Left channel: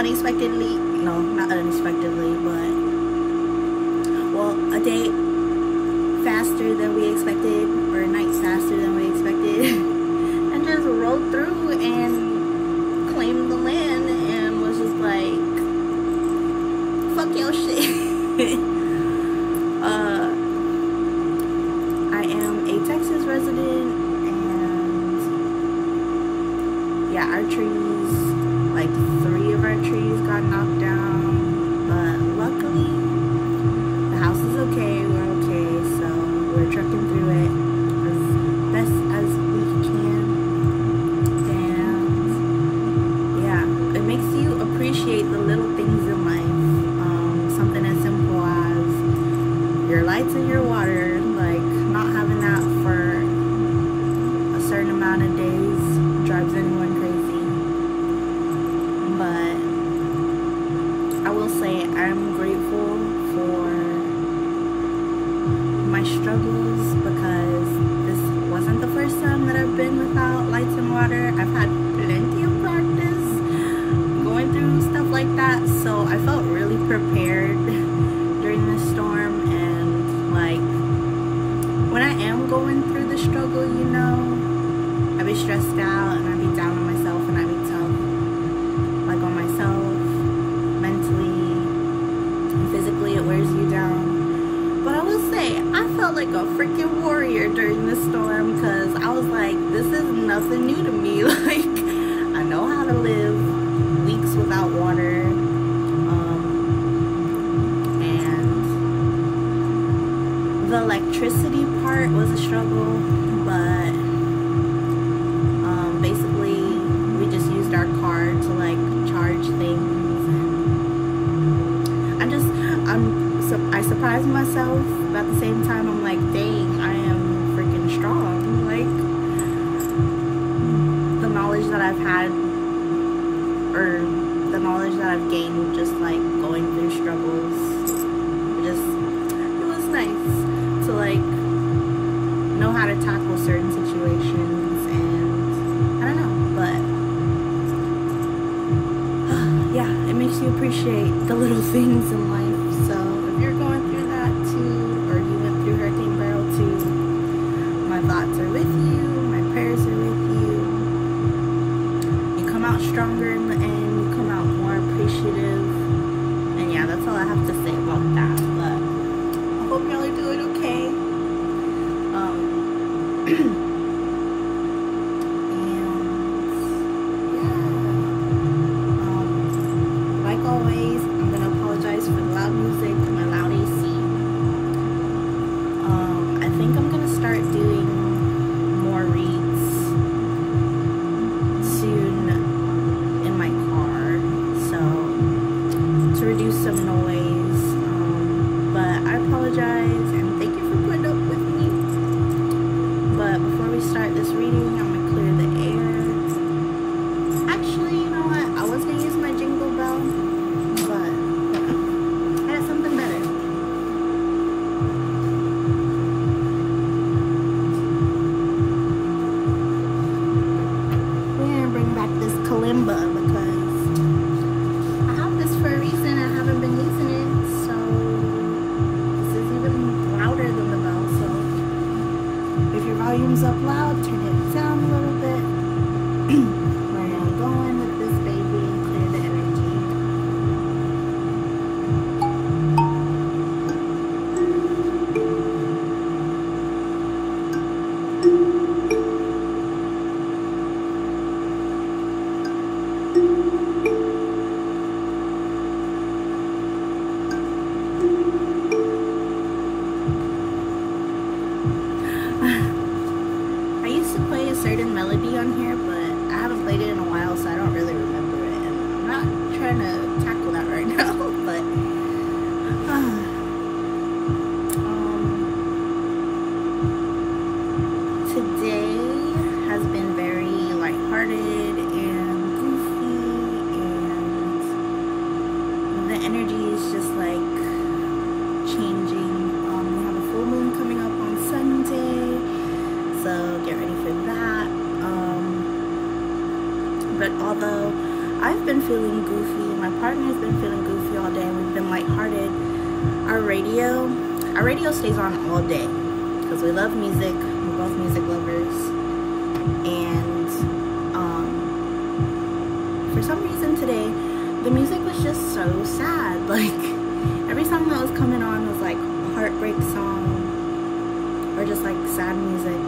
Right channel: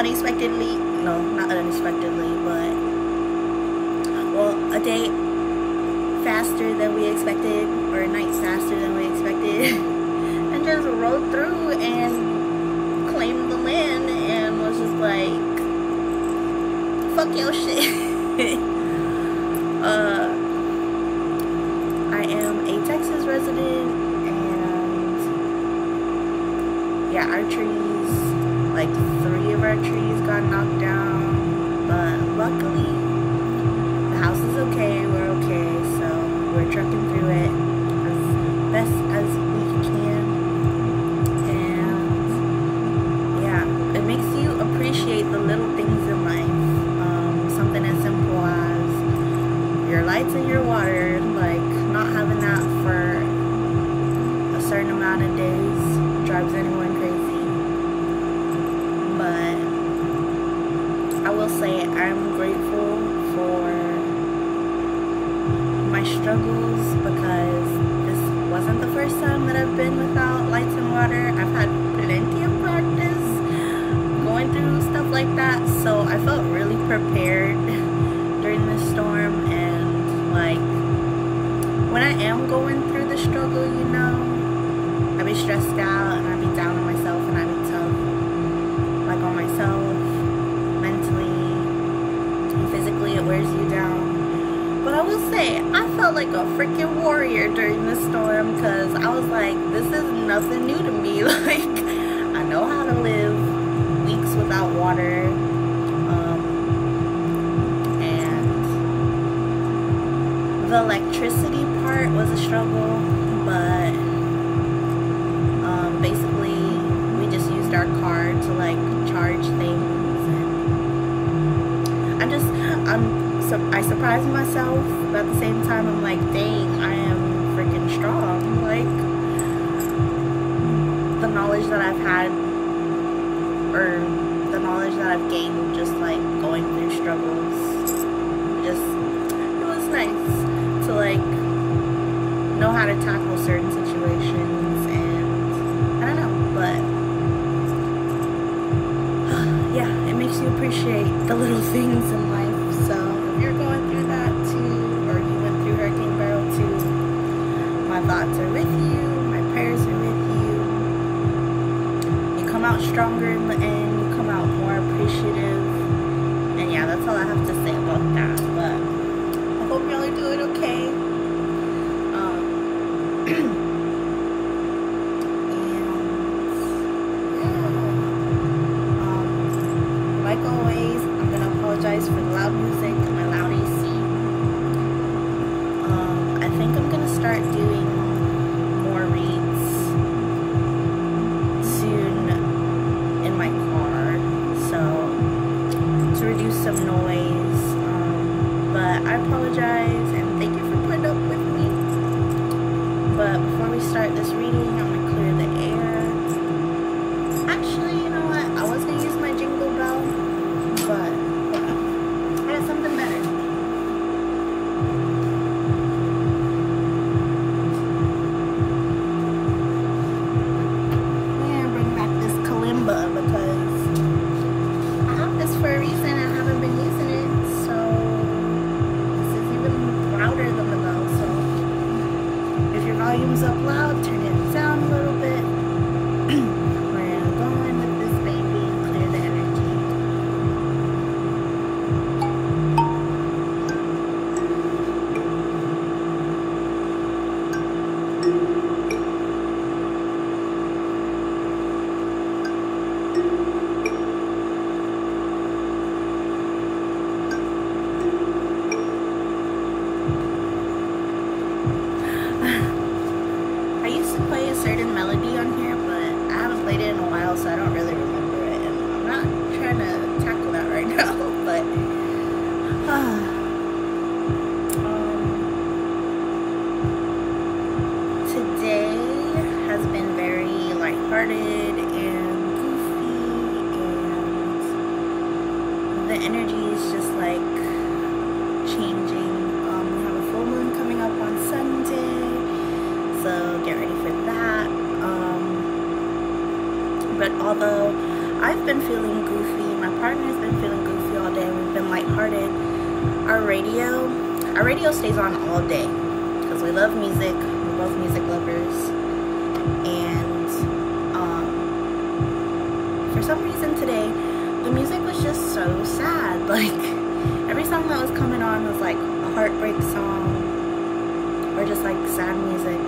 unexpectedly, no, not unexpectedly, but, well, a day faster than we expected, or a night faster than we expected, and just rode through and claimed the land and was just like, fuck your shit. I am a Texas resident, and yeah, our trees, like 3 of our trees got knocked down, but luckily the house is okay, we're okay, so we're trucking through it as best as we can. And yeah, it makes you appreciate the little things in life. Something as simple as your lights and your water, like not having that for a certain amount of days drives anyone crazy. But I will say I'm grateful for my struggles, because this wasn't the first time that I've been without lights and water. I've had plenty of practice going through stuff like that, so I felt really prepared during the storm. And like, when I am going through the struggle, you know, I be stressed out and I be down on myself and I be tough, like on myself, mentally and physically. It wears you down. But I will say, I felt like a freaking warrior during the storm, because I was like, this is nothing new to me. Like, I know how to live weeks without water, and the electricity part was a struggle, but basically we just used our car to like charge things, and I surprised myself, but at the same time I'm like, dang, I am freaking strong. Like, the knowledge that I've had, or the knowledge that I've gained just like going through struggles, it was nice to like know how to tackle certain situations. And I don't know, but yeah, it makes you appreciate the little things in life. So if you're going through that too, or you went through Hurricane Beryl too, my thoughts are with you, my prayers are with you. You come out stronger in the end, you come out more appreciative. And yeah, that's all I have to say about that. But I hope y'all are doing okay. Like always, I'm gonna apologize for the loud music and my loud AC. I think I'm gonna start doing more reads soon in my car, so to reduce some noise. But I apologize and thank you for putting up with me. But before we start this reading, I'm gonna clear the air. Actually, you know what? I was gonna use my jingle bell, but I got something better. We're gonna bring back this kalimba, because I have this for a reason and I haven't been using it. So this is even louder than the bell. So if your volume's up loud, turn it down a little bit. Where I'm going with this baby and clear the energy. I used to play a certain melody on here, but I haven't played it in a while, so I don't really remember it, and I'm not trying to tackle that right now. But today has been very lighthearted and goofy, and the energy is just like changing. We have a full moon coming up on Sunday, so get ready for that. But although I've been feeling goofy. My partner's been feeling goofy all day. We've been lighthearted. Our radio stays on all day because we love music. We're both music lovers. And for some reason today, the music was just so sad. Like, every song that was coming on was like a heartbreak song or just like sad music.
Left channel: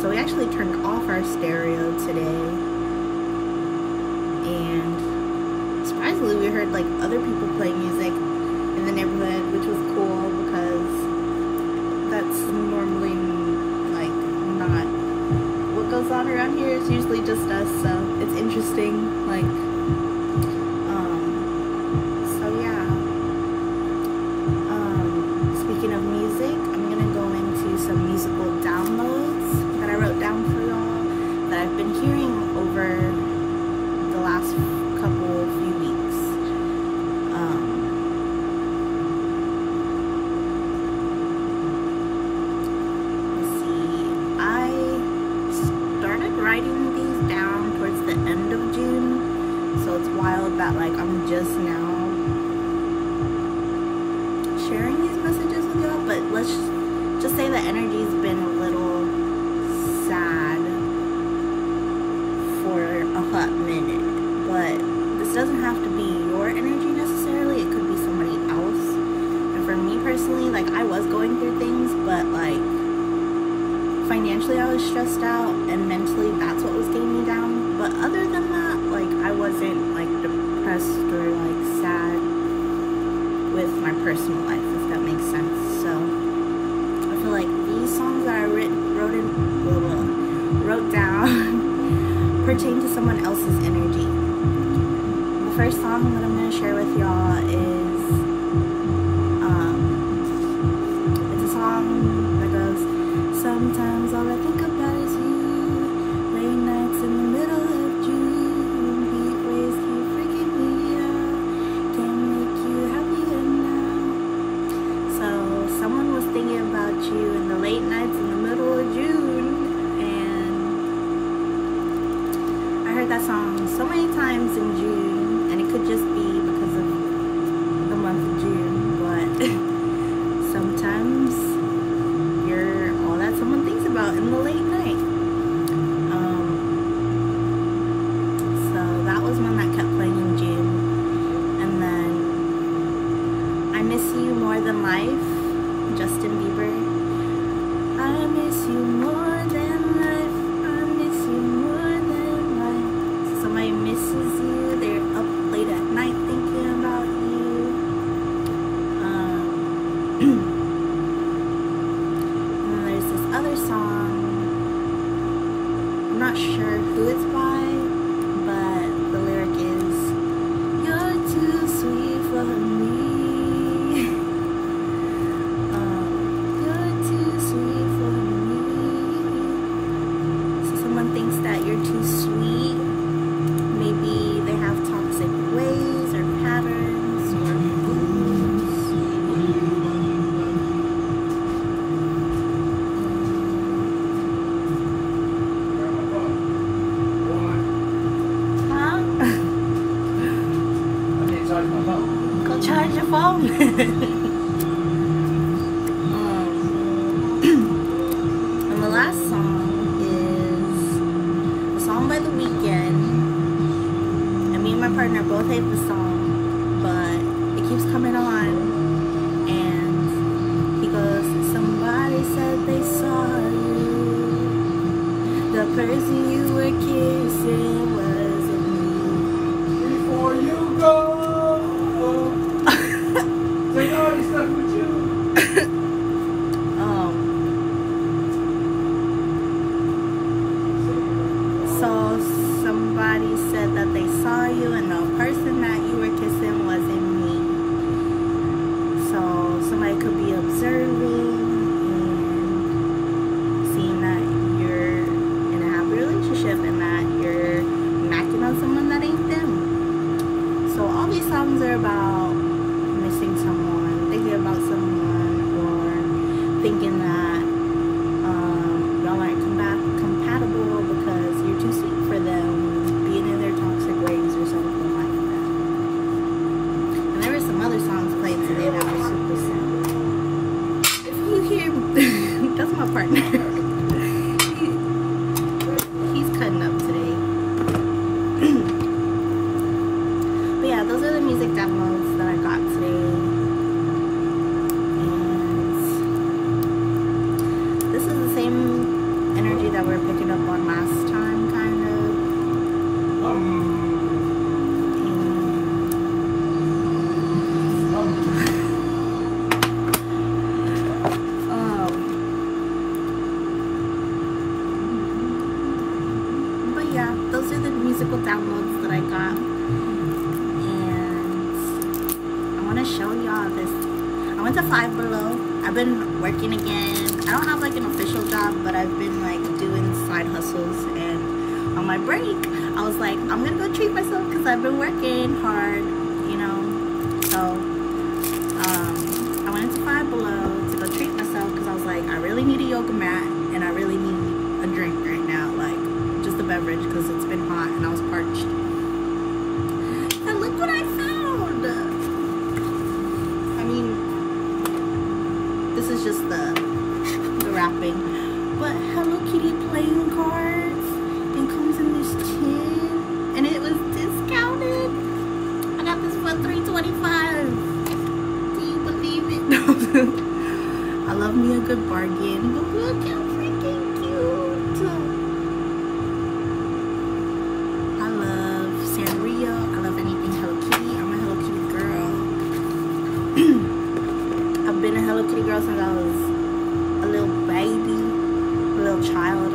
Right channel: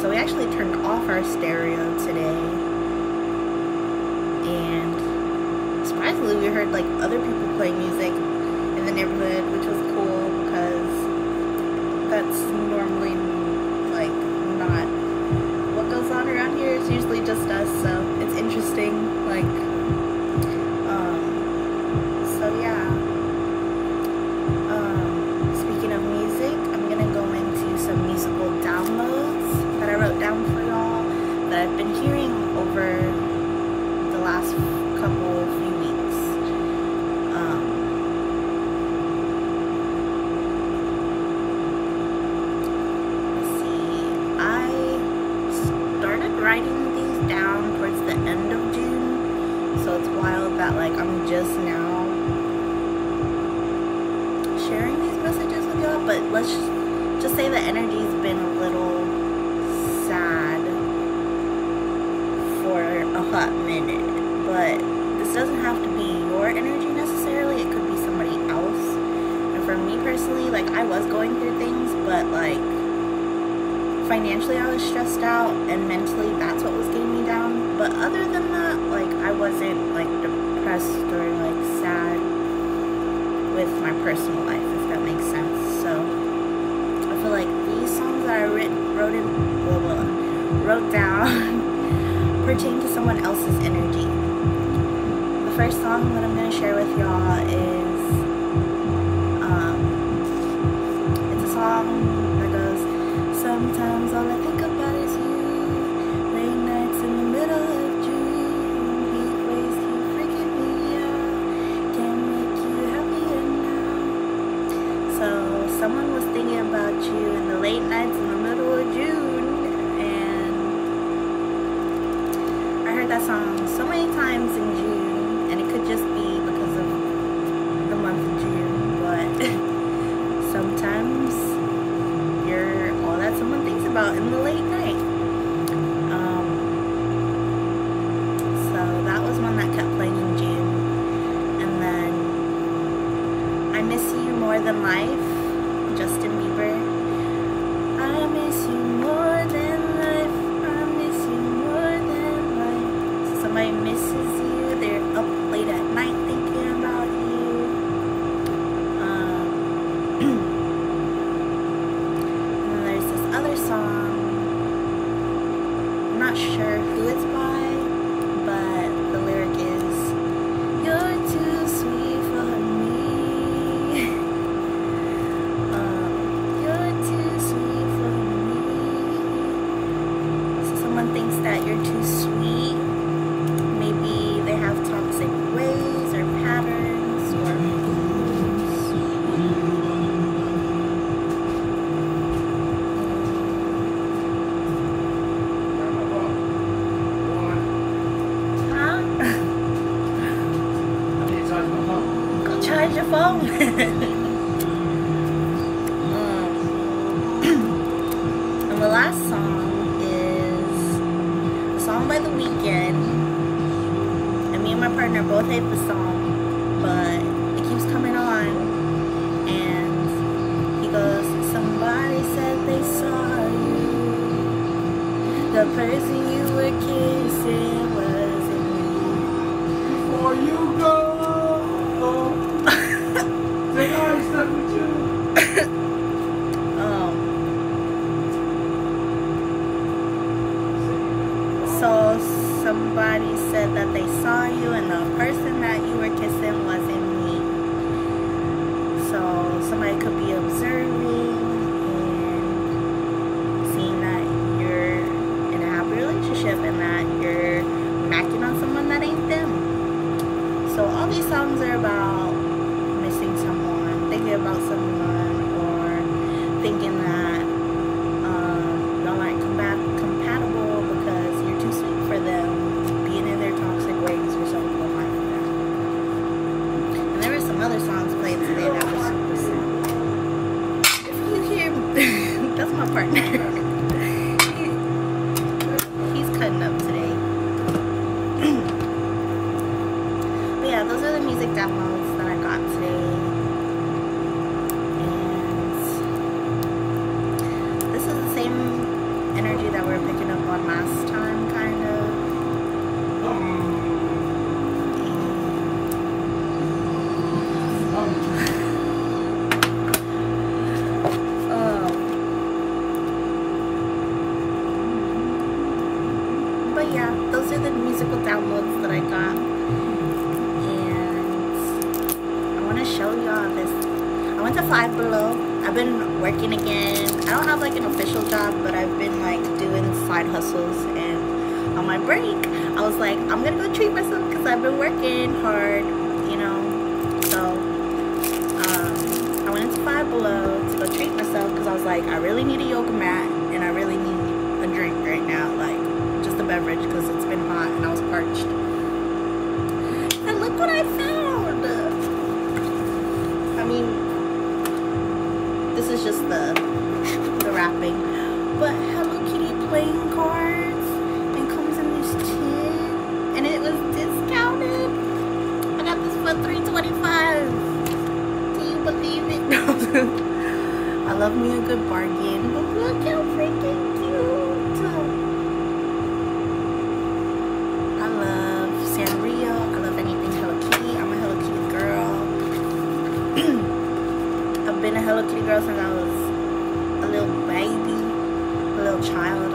So we actually turned off our stereo today, and surprisingly we heard like other people play music in the neighborhood, which was cool because that's normally like not what goes on around here. It's usually just us, so it's interesting. Like, so yeah. Speaking of music, I'm gonna go into some musical downloads that I wrote down for y'all that I've been hearing over the last few weeks. Let's see. I started writing these down towards the end of June, so it's wild that like I'm just now sharing these messages with y'all, but let's just say the energy's been a little sad for a hot minute. But this doesn't have to be your energy necessarily, it could be somebody else. And for me personally, like, I was going through things, but like financially I was stressed out, and mentally that's what was getting me down. But other than that, like, I wasn't like depressed or like sad with my personal life, if that makes sense. So I feel like these songs that I wrote down pertain to someone else's energy. The first song that I'm going to share with y'all is it's a song that goes, sometimes all I think about is you, late nights in the middle of June, heat waves keep freaking me out, can't make you happier now. So someone was thinking about you in the late nights in the middle of June, and I heard that song so many times in June, and it could just be because of the month of June, but sometimes you're all that someone thinks about in the late night. So that was one that kept playing in June. And then I Miss You More Than Life, Justin Bieber. I miss you more than life, I miss you more than life. So somebody misses you, they're up late at night thinking about you. And then there's this other song, I'm not sure who it's by, but the lyric is, you're too sweet for me. You're too sweet for me. So someone thinks that you're too sweet. Maybe they have toxic ways or patterns or moods. Huh? Go charge your phone. And the last song is a song by The Weeknd. And me and my partner both hate the song, but it keeps coming on. And he goes, somebody said they saw you. The person you were kissing wasn't you. Before you go, take all your stuff with you. So somebody said that they saw you and the person that you were kissing wasn't me. So somebody could be observing and seeing that you're in a happy relationship and that you're macking on someone that ain't them. So all these songs are about missing someone, thinking about someone, or thinking that y'all aren't compatible because you're too sweet for them. today that was super sad. If you hear, that's my partner. He's cutting up today. But yeah, those are the music downloads that I got today. And this is the same energy that we were picking up on last time, kind of. But yeah, those are the musical downloads that I got, and I want to show y'all this. I went to Five Below. I've been working again. I don't have like an official job, but I've been like doing side hustles, and on my break I was like, I'm gonna go treat myself because I've been working hard, you know. So I went into Five Below to go treat myself because I was like, I really need a yoga mat and I really need a drink right now, like just a beverage, because it's been hot and I was parched. And look what I found. I mean, this is just the wrapping, but Hello Kitty playing cards, and comes in this tin, and it was discounted. I got this for $3.25. Do you believe it? I love me a good bargain, but look how freaking cute. I love Sanrio. I love anything Hello Kitty. I'm a Hello Kitty girl. I've been a Hello Kitty girl since I was a little baby, a little child,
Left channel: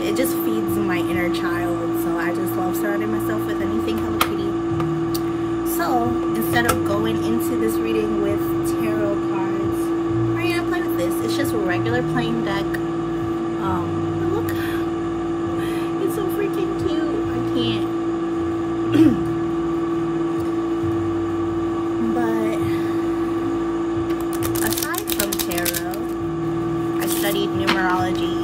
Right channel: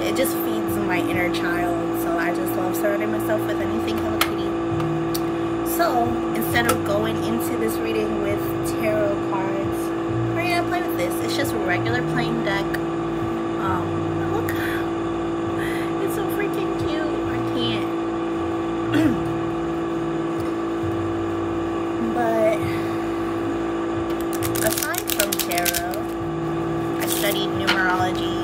it just feeds my inner child. So I just love surrounding myself with anything Hello Kitty. So instead of going into this reading with tarot cards, we're gonna play with this. It's just a regular playing deck. But look, it's so freaking cute. I can't. But aside from tarot, I studied numerology.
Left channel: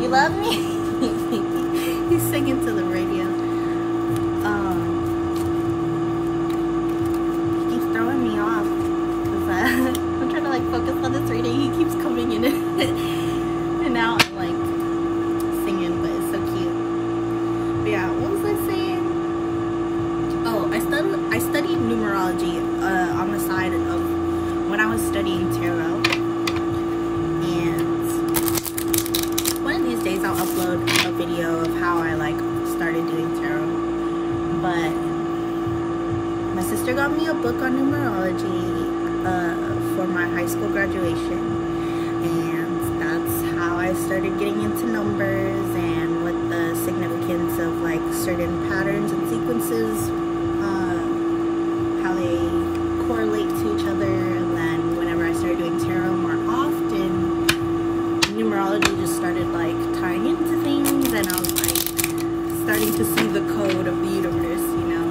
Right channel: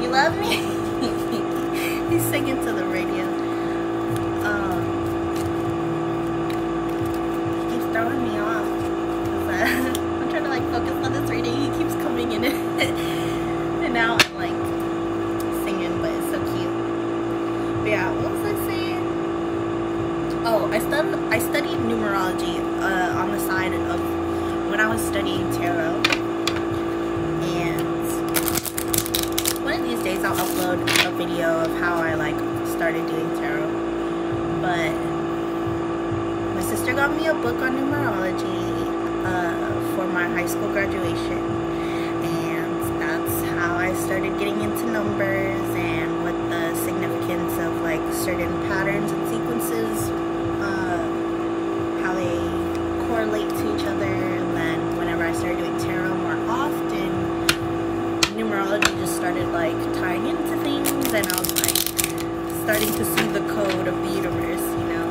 You love me? He's singing to the radio. He keeps throwing me off because I'm trying to like focus on this reading. He keeps coming in and now I'm like singing, but it's so cute. But yeah, what was I saying? Oh, I studied numerology on the side of when I was studying tarot. These days I'll upload a video of how I like started doing tarot. But my sister got me a book on numerology for my high school graduation, and that's how I started getting into numbers and what the significance of like certain patterns and sequences, how they correlate to each other. And then whenever I started doing tarot more often, numerology just started like tying into things, and I was like starting to see the code of the universe, you know.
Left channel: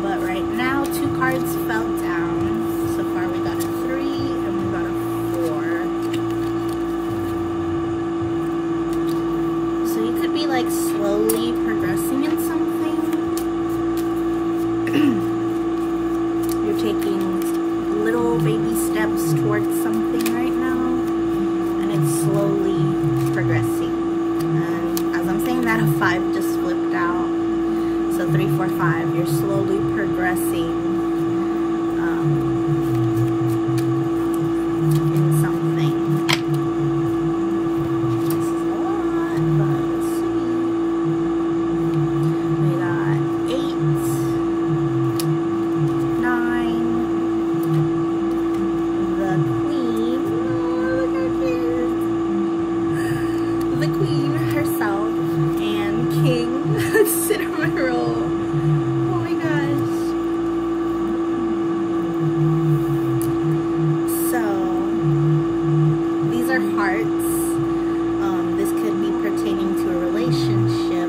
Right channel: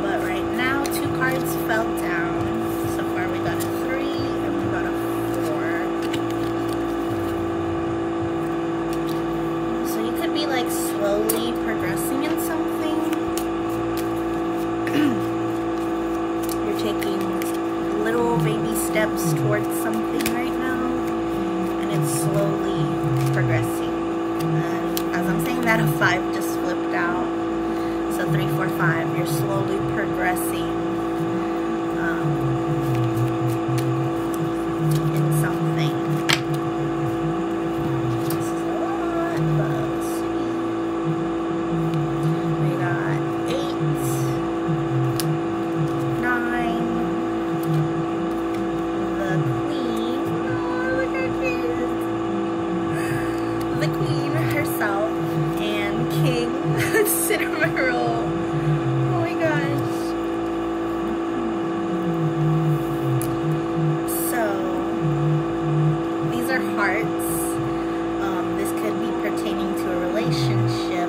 But right now 2 cards fell down. So far we got a 3 and we got a 4. So you could be like slowly progressing in something. You're taking little baby steps towards something right now, and it's slowly progressing. And as I'm saying that, a 5 just flipped out, so 3, 4, 5. You're slowly progressing in something. This is a lot, but let's see. We got 8, 9. The queen herself and king cinnamon roll. Oh my gosh. So these are hearts. This could be pertaining to a relationship.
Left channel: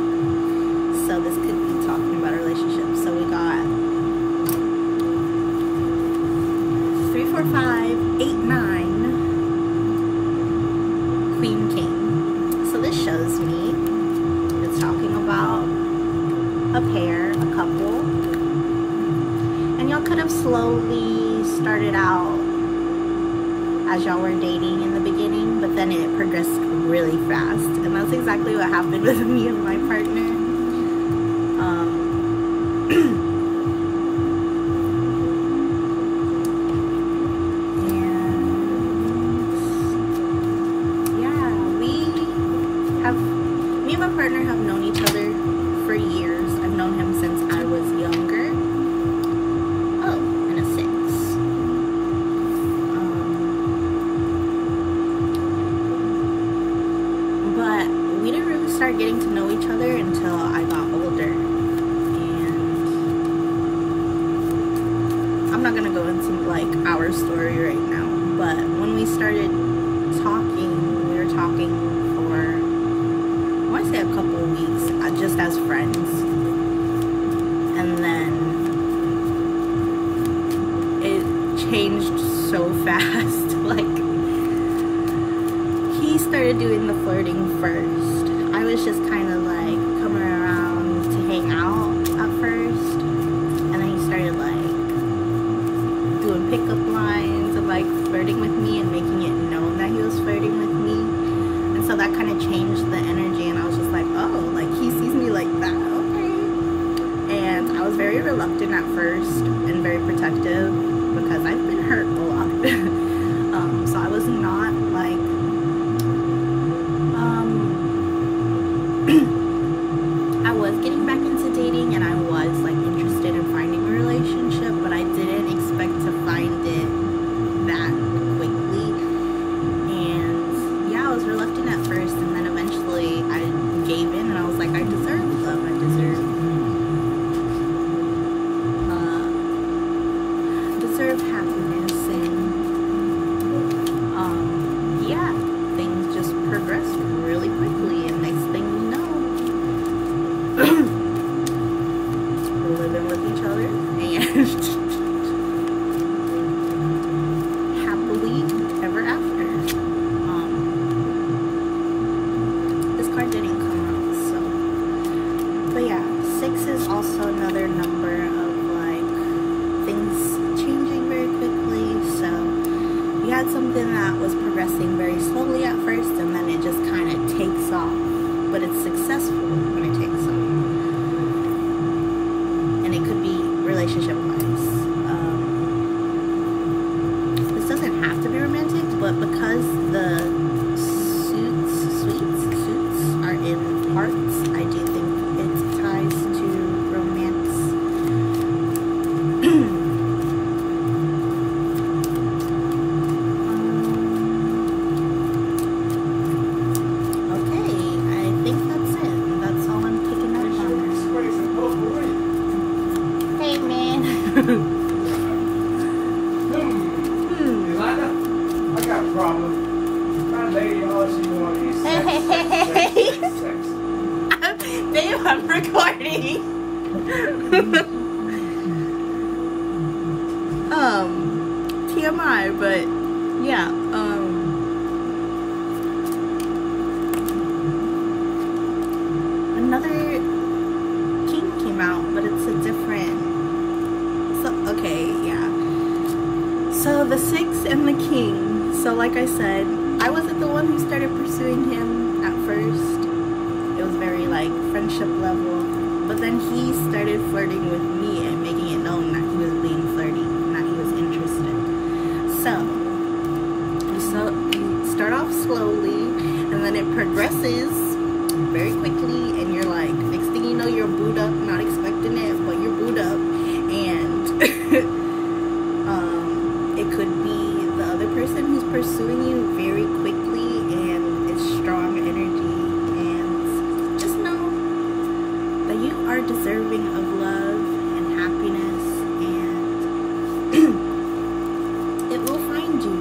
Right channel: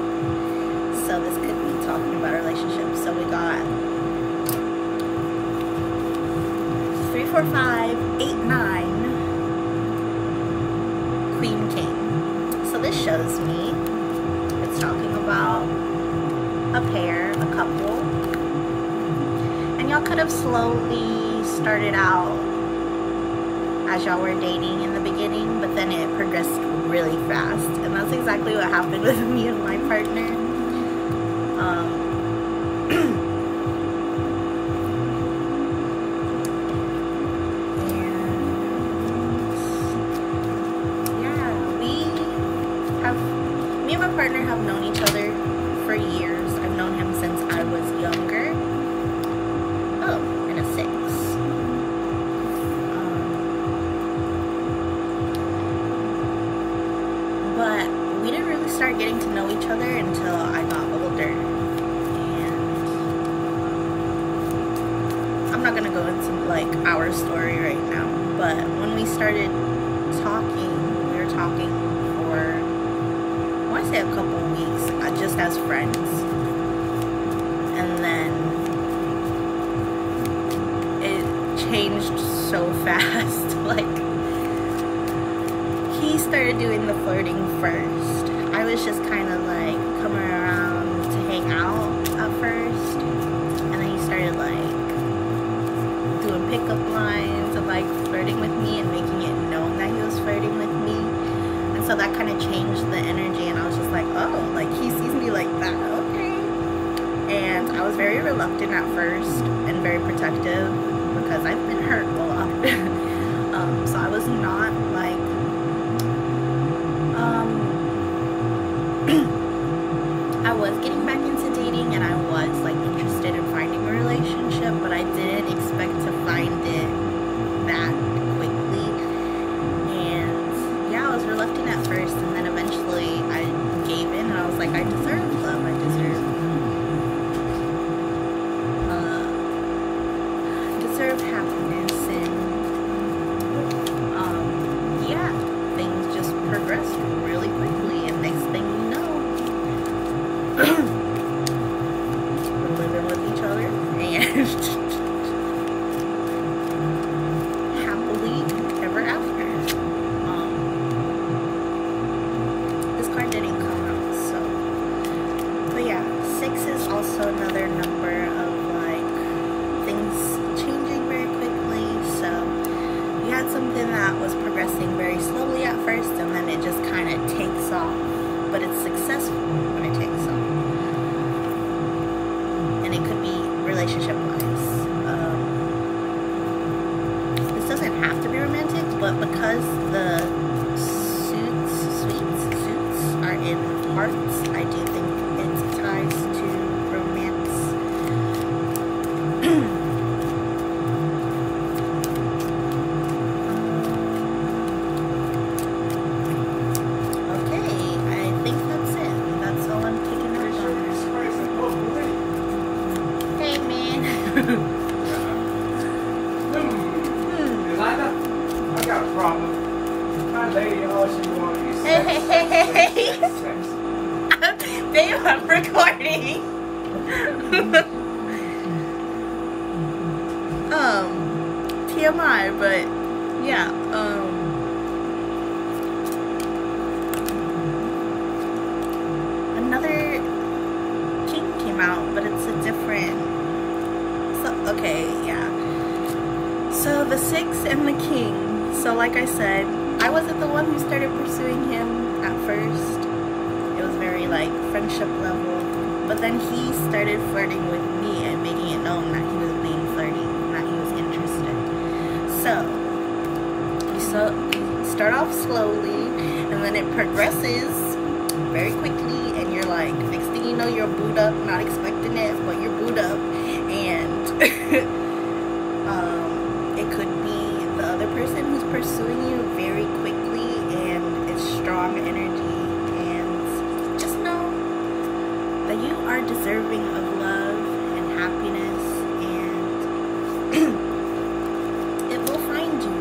So this could be talking about a relationship. So we got 3, 4, 5, 8, 9, Queen, King. chose me. It's talking about a pair, a couple. And y'all could have slowly started out as y'all were dating in the beginning, but then it progressed really fast. And that's exactly what happened with me and my partner. Me and my partner have known each other for years. I've known him since I was younger. Oh, and a 6. But we didn't really start getting to know each other until I got older. And I'm not gonna go into like our story right now, but when we started talking, we were talking for, I want to say a couple weeks, just as friends. And then it changed so fast. Like, he started doing the flirting first. I was just kind of like coming around to hang out at first. And then he started like doing pickup lines and like flirting with me and making it known that he was flirting with me. And so that kind of changed the energy, and I was just like, oh, like he sees me like that, okay. And I was very reluctant at first and very protective because I've been hurt a lot. So I was not like, I was getting back into dating and I was like interested in finding a relationship, but I didn't expect to find it that quickly. I was reluctant at first, and then eventually I gave in and I was like, I deserve love, I deserve happiness. And yeah, things just progressed really quickly, and next thing you know, we're living with each other and happily ever after. Didn't come out, so. But yeah, 6 is also another number of like things changing very quickly. So you had something that was progressing very slowly at first, and then it just kind of takes off, but it's successful when it takes off. And it could be relationship wise. This doesn't have to be romantic, but because the suits are in hearts, I do think it ties to romance. Okay, I think that's it. That's all I'm picking up on. Hey, man. I got a problem. My lady always want to be Hey. Babe, I'm recording. TMI, but yeah, another king came out, but it's a different, so, okay, yeah. So the 6 and the king. So like I said, I wasn't the one who started pursuing him at first. It was very like friendship level, but then he started flirting with me and making it known that he was being flirty and that he was interested. So you start off slowly, and then it progresses very quickly, and you're like, next thing you know, you're booed up, not expecting it, but you're booed up. And it could be the other person who's pursuing you very quickly, and it's strong energy. And just know that you are deserving of love and happiness, and it will find you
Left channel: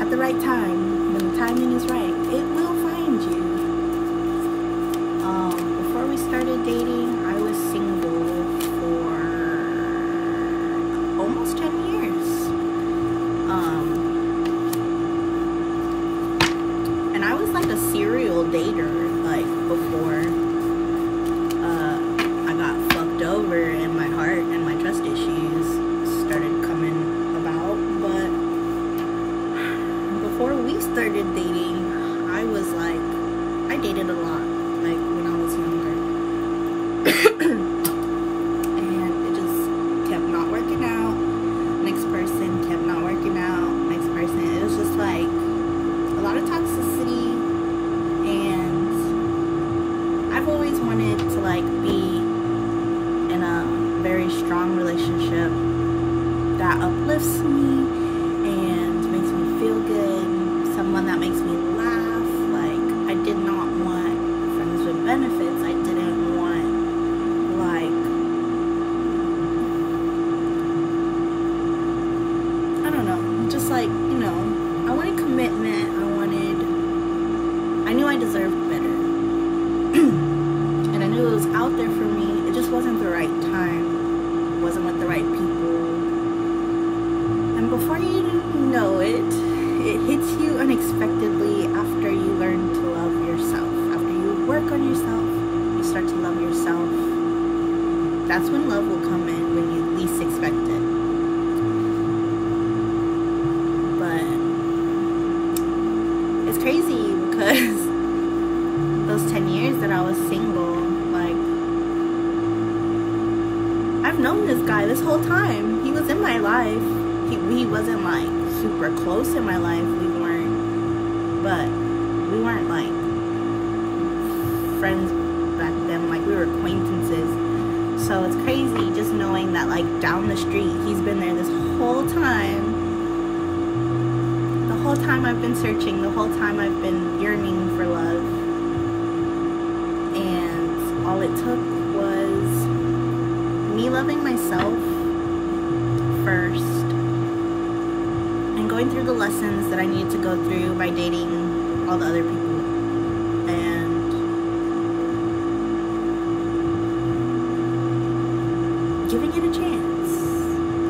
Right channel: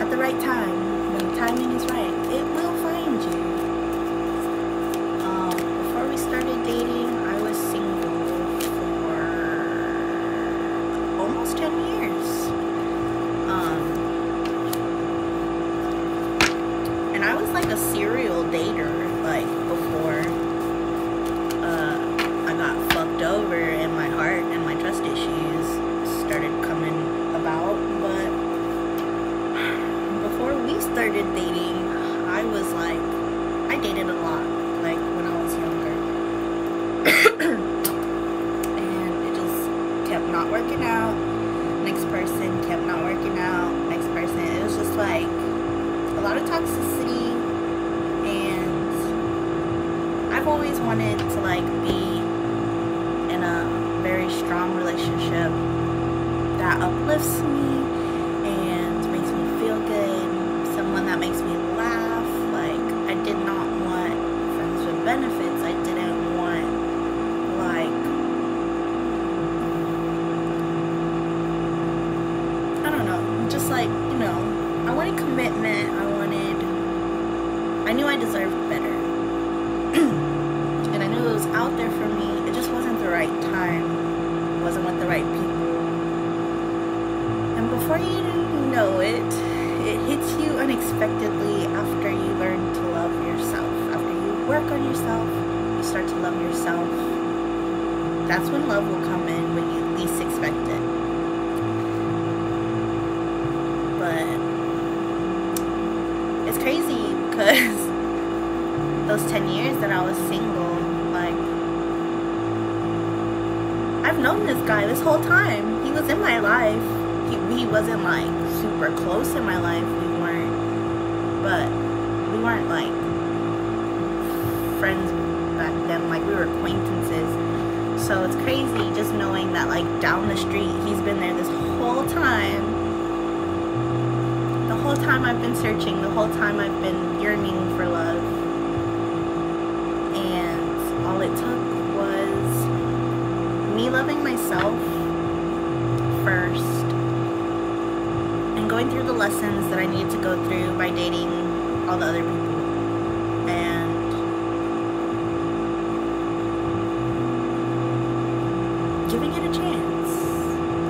at the right time. When the timing is right, it will find you. Before we started dating, I was single for almost 10 years. And And I was like a serial dater, like before I got fucked over and my heart and my trust issues started coming about. But before we started dating, I was like, I dated a lot, like when I was younger. And it just kept not working out. Next person kept not working out. Next person. It was just like a lot of toxicity. And I've always wanted to like be in a very strong relationship that uplifts me and makes me feel good. Someone that makes me laugh. Like, I did not want friends with benefits. I didn't want like, I don't know, just like, you know, I wanted commitment. I knew I deserved better. And I knew it was out there for me. It just wasn't the right time. Wasn't with the right people. And before you know it, it hits you unexpectedly after you learn to love yourself. After you work on yourself, you start to love yourself. That's when love will come in, when you least expect it. But it's crazy because those 10 years that I was single, like, I've known this guy this whole time. He was in my life. He wasn't like super close in my life. We weren't like friends back then. Like, we were acquaintances. So it's crazy just knowing that like down the street, he's been there this whole time. The whole time I've been searching, the whole time I've been yearning for love. And all it took was me loving myself first and going through the lessons that I needed to go through by dating all the other people. And giving it a chance.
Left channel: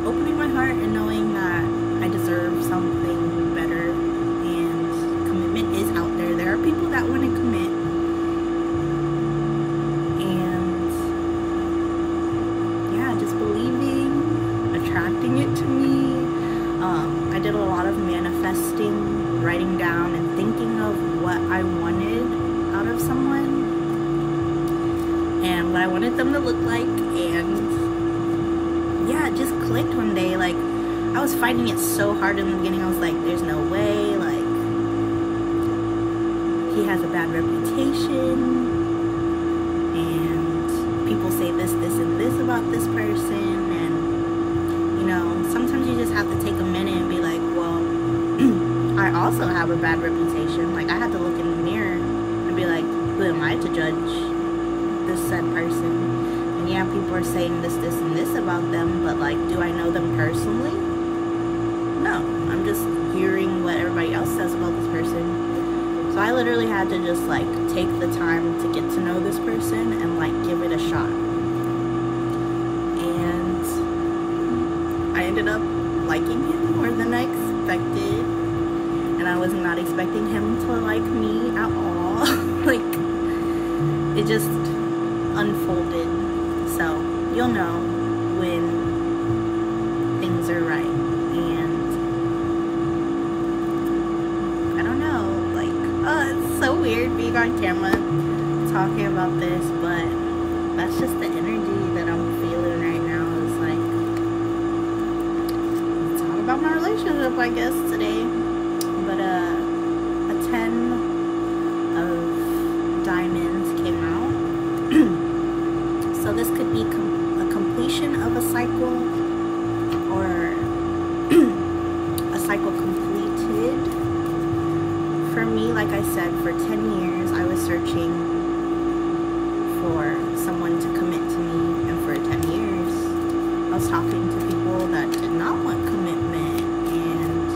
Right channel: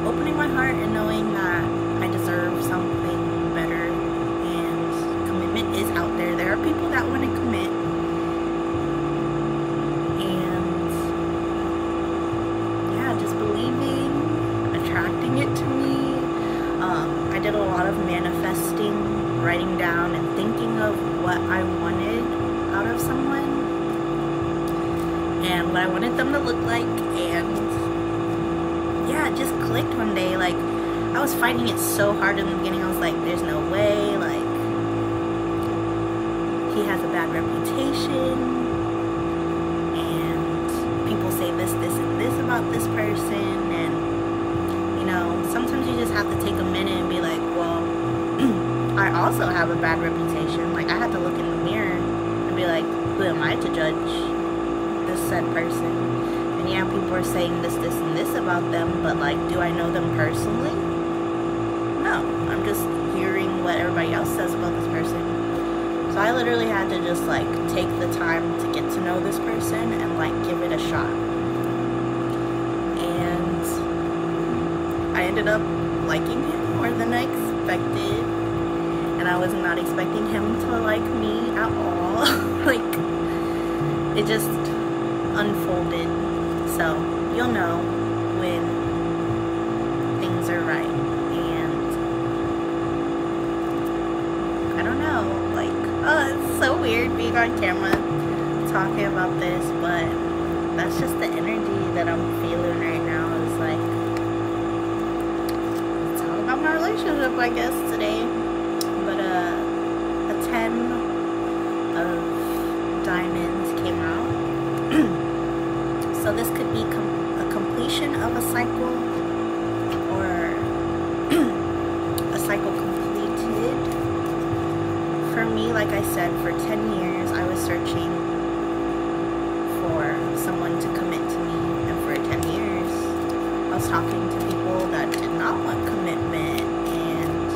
Opening my heart and knowing that I deserve something better, and commitment is out there. There are people that want to commit, and yeah, just believing, attracting it to me. I did a lot of manifesting, writing down and thinking of what I wanted out of someone and what I wanted them to look like. And yeah, it just clicked one day. Like, I was fighting it so hard in the beginning. I was like, there's no way, like, he has a bad reputation, and people say this, and this about this person. And, you know, sometimes you just have to take a minute and be like, well, I also have a bad reputation. Like, I had to look in the mirror and be like, who am I to judge this said person? And yeah, people are saying this, and this about them, but like, do I know them personally? No, I'm just hearing what everybody else says about this person. So I literally had to just like take the time to get to know this person and like give it a shot. And I ended up liking him more than I expected. And I was not expecting him to like me at all. Like, it just unfolded. So you'll know when things are right. And I don't know, like, it's so weird being on camera talking about this, but that's just the energy that I'm feeling right now. Is like, talk about my relationship, I guess, today. But a 10 of diamonds came out. So this could be a completion of a cycle, or a cycle completed. For me, like I said, for 10 years I was searching for someone to commit to me, and for 10 years I was talking to people that did not want commitment, and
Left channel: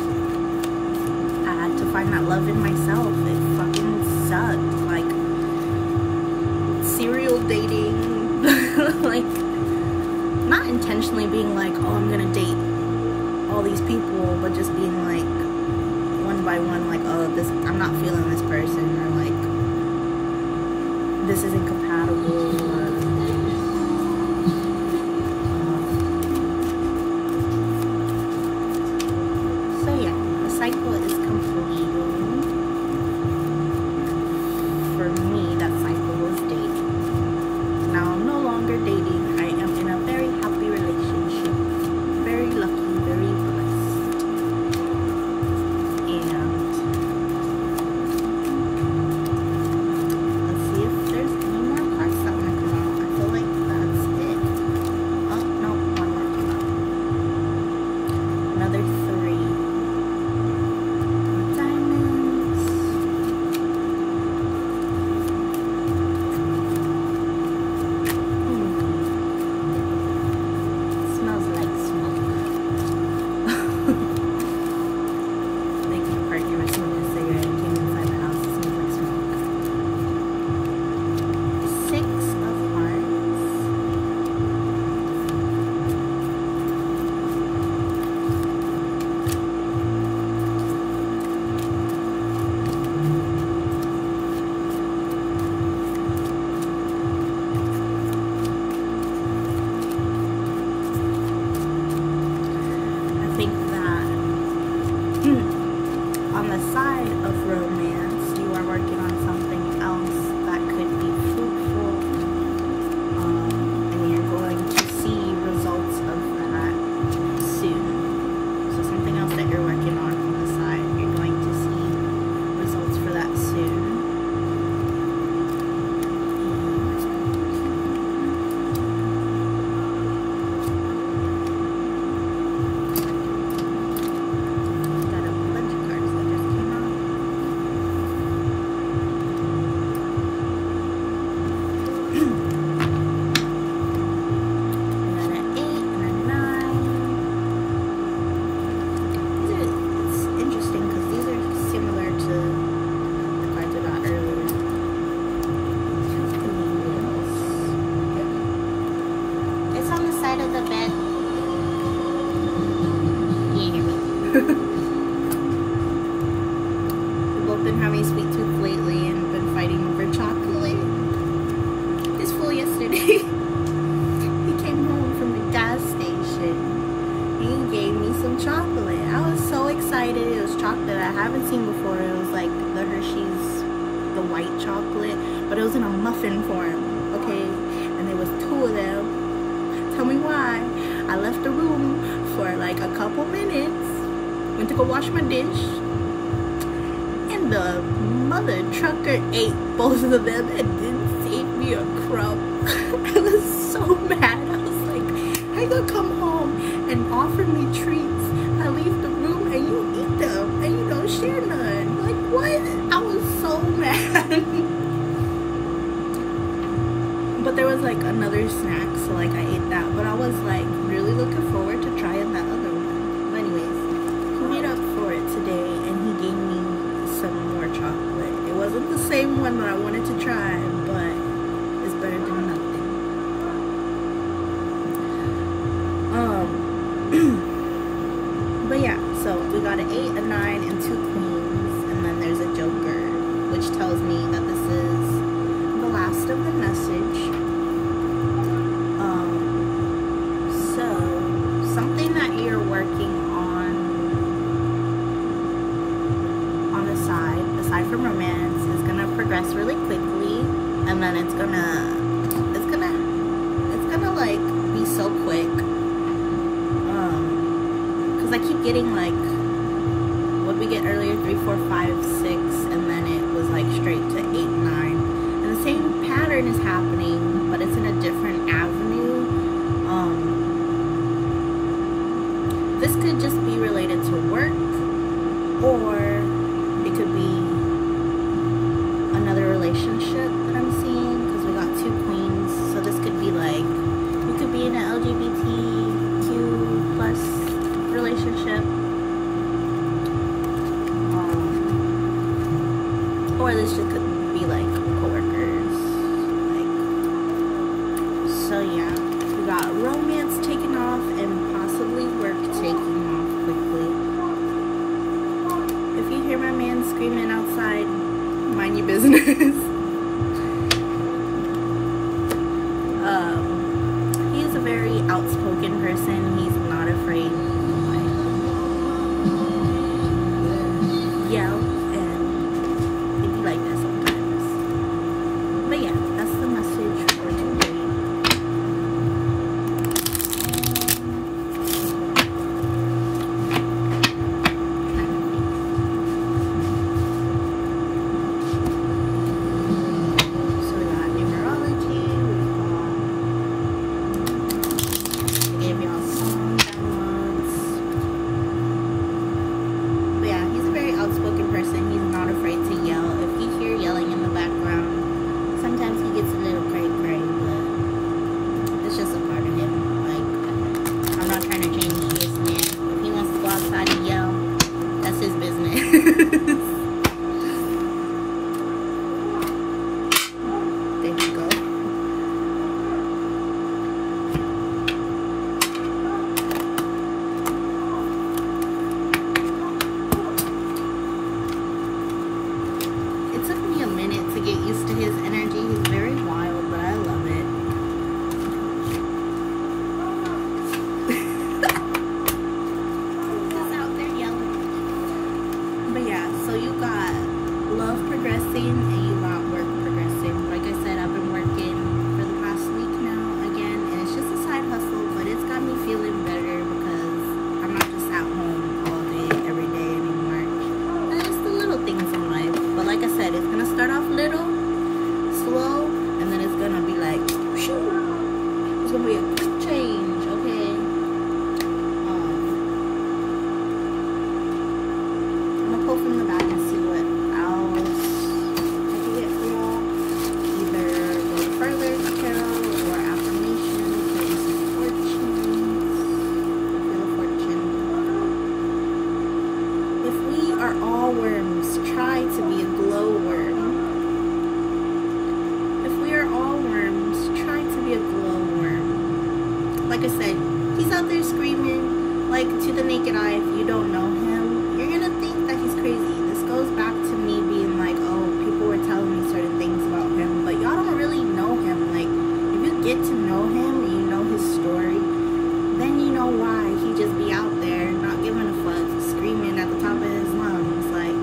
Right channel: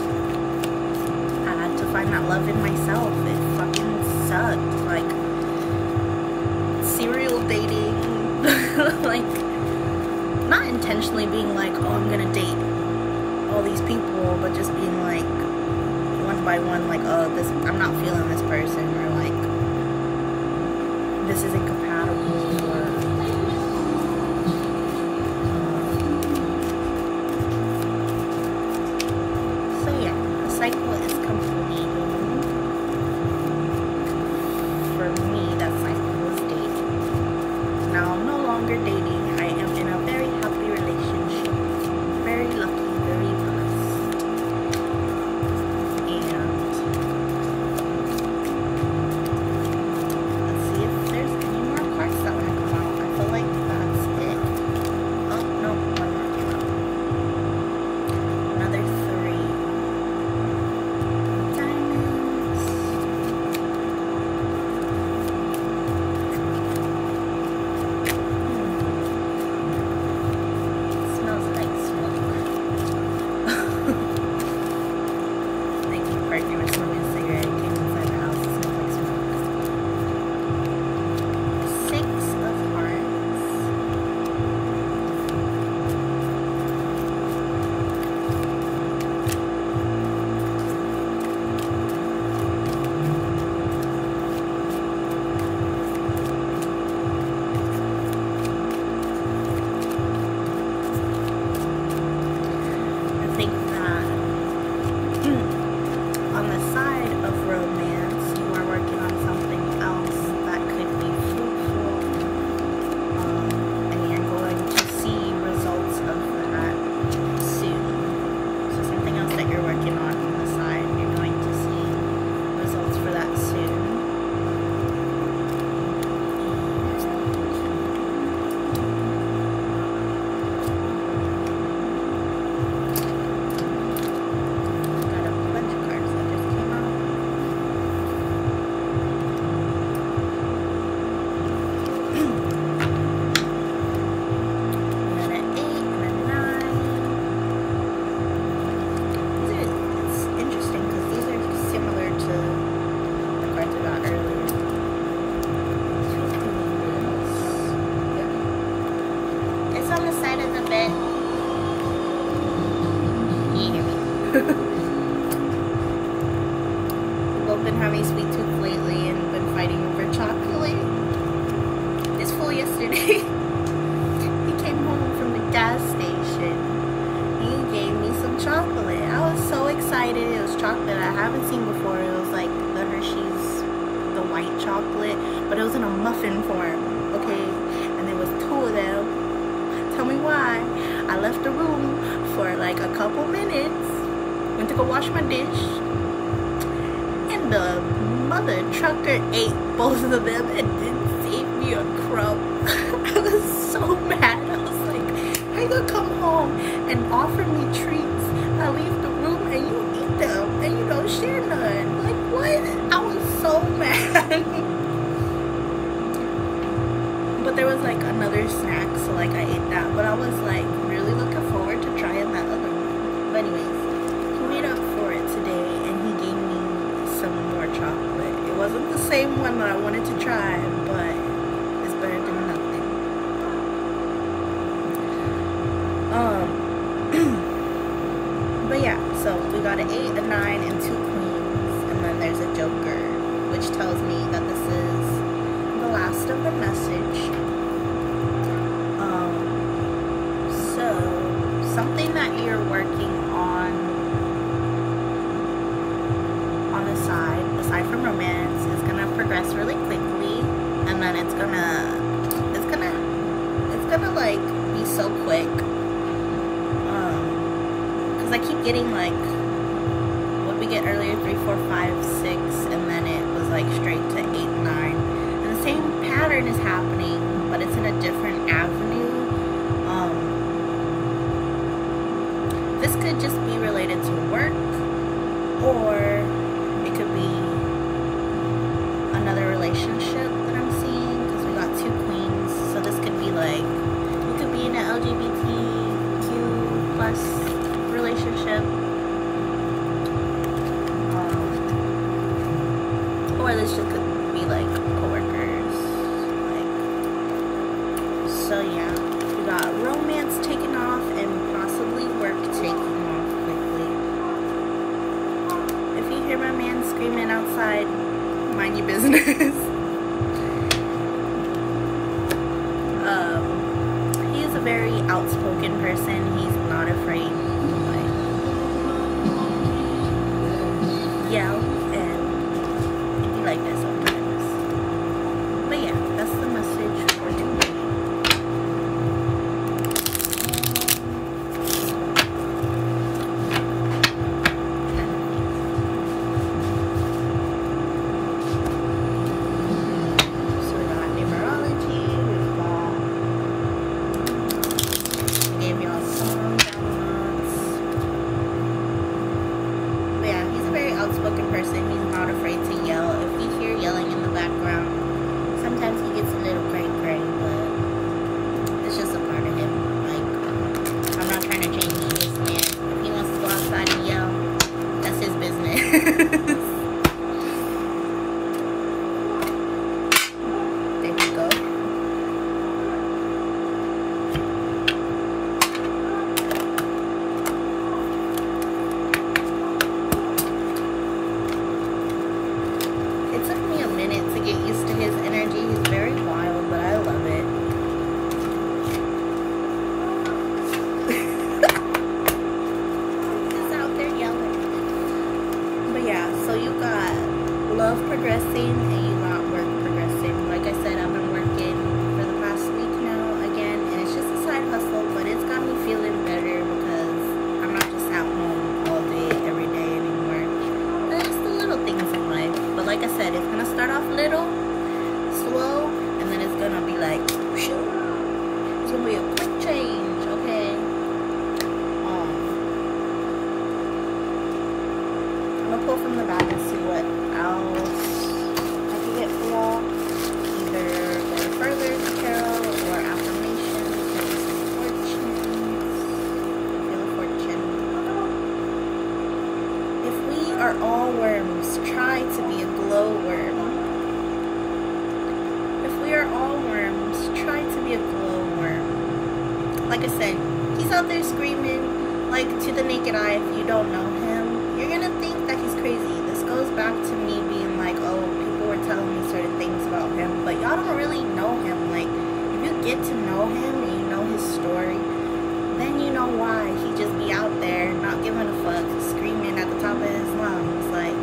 I had to find that love in myself. It fucking sucked. Like, serial dating, like, not intentionally being like, oh, I'm gonna date all these people, but just being like, one by one, like, oh, this, I'm not feeling this person, or like this isn't compatible, or so yeah, a cycle is completing. For me, that cycle was dating. Now I'm no longer dating. I am in a very happy relationship, very lucky, very blessed. And let's see if there's any more cards that want to come out. I feel like that's it. Oh no, one more came out. Another 3 of diamonds. Smells like smoke. They can partner with smoking a cigarette and came inside the house. It smells like smoke. A 6 of hearts. I think that on the side of romance, you are working on something else that could be fruitful, and you're going to see results of that soon. So something else that you're working on the side, you're going to see results for that soon. On the side of the bed. Can you hear me? We've both been having sweet tooth lately and been fighting over chocolate. This fool yesterday, he came home from the gas station and he gave me some chocolate. I was so excited. It was chocolate I haven't seen before. It was like the Hershey's, the white chocolate, but it was in a muffin form, okay? And there was 2 of them. Tell me why. I left the room for like a couple minutes, went to go wash my dish, and the mother trucker ate both of them and didn't save me a crumb. I was so mad. I was like, how you gonna come home and offer me treats? I leave the room and you eat them and you don't share none. Like, what? I was so mad. But there was like another snack, so like I ate that, but I was like really looking forward to trying that other one. But anyways, he made up for it today and he gave me some more chocolate. It wasn't the same one that I wanted to try, but it's better than nothing. But yeah, so we got an 8, a 9, and 2 queens, and then there's a joker, which tells me that this is the last of the message. So something that you're working on the side, aside from romance, is gonna progress really quickly, and then it's gonna like be so quick. Because I keep getting like, what we get earlier, 3, 4, 5, 6, and then it was like straight to 8, 9. And the same pattern is happening, but it's in a different avenue. This could just be related to work, or it could be another relationship that I'm seeing, because we got 2 queens. So this could be like, we could be in an LGBTQ plus relationship, or this just could be like co-workers, like, so yeah, we got romance taking off and possibly work taking off quickly. if you hear my man screaming outside, mind your business. He is a very outspoken person. He's not afraid to like yell, and it'd be like that sometimes. But yeah, that's the message for today. Outspoken person. He's not afraid to yell. If you hear yelling in the background, sometimes he gets a little cray-cray, but it's just a part of him. Like, I'm not trying to change this man. If he wants to go outside and yell, that's his business. There you go. It took me a minute to get used to his energy. He's very wild, but I love it. He's just out there yelling. But yeah, so you got love progressing and you got work progressing. Like I said, I've been working for the past week now again, and it's just a side hustle, but it's got me feeling better because I'm not just at home all day, every day anymore. Little things in life, but like I said, it's gonna start off little, slow, and then it's gonna be like, shoo, it's gonna be a quick change, okay? I'm gonna pull from the bag and see what else I can get for y'all. Either go to further tarot or affirmation, because some fortunes. I feel a fortune. If we are all worms, try to be a glowworm. If we are all worms, try to be a glowworm. Like I said, he's out there screaming, like, to the naked eye. If you don't know him, you're gonna think that he's crazy. This goes back to me being like, oh, people were telling me certain things about him, but y'all don't really know him. Like, if you get to know him and you know his story, then you know why he just be out there not giving a fuck, screaming at the top of his lungs. Like,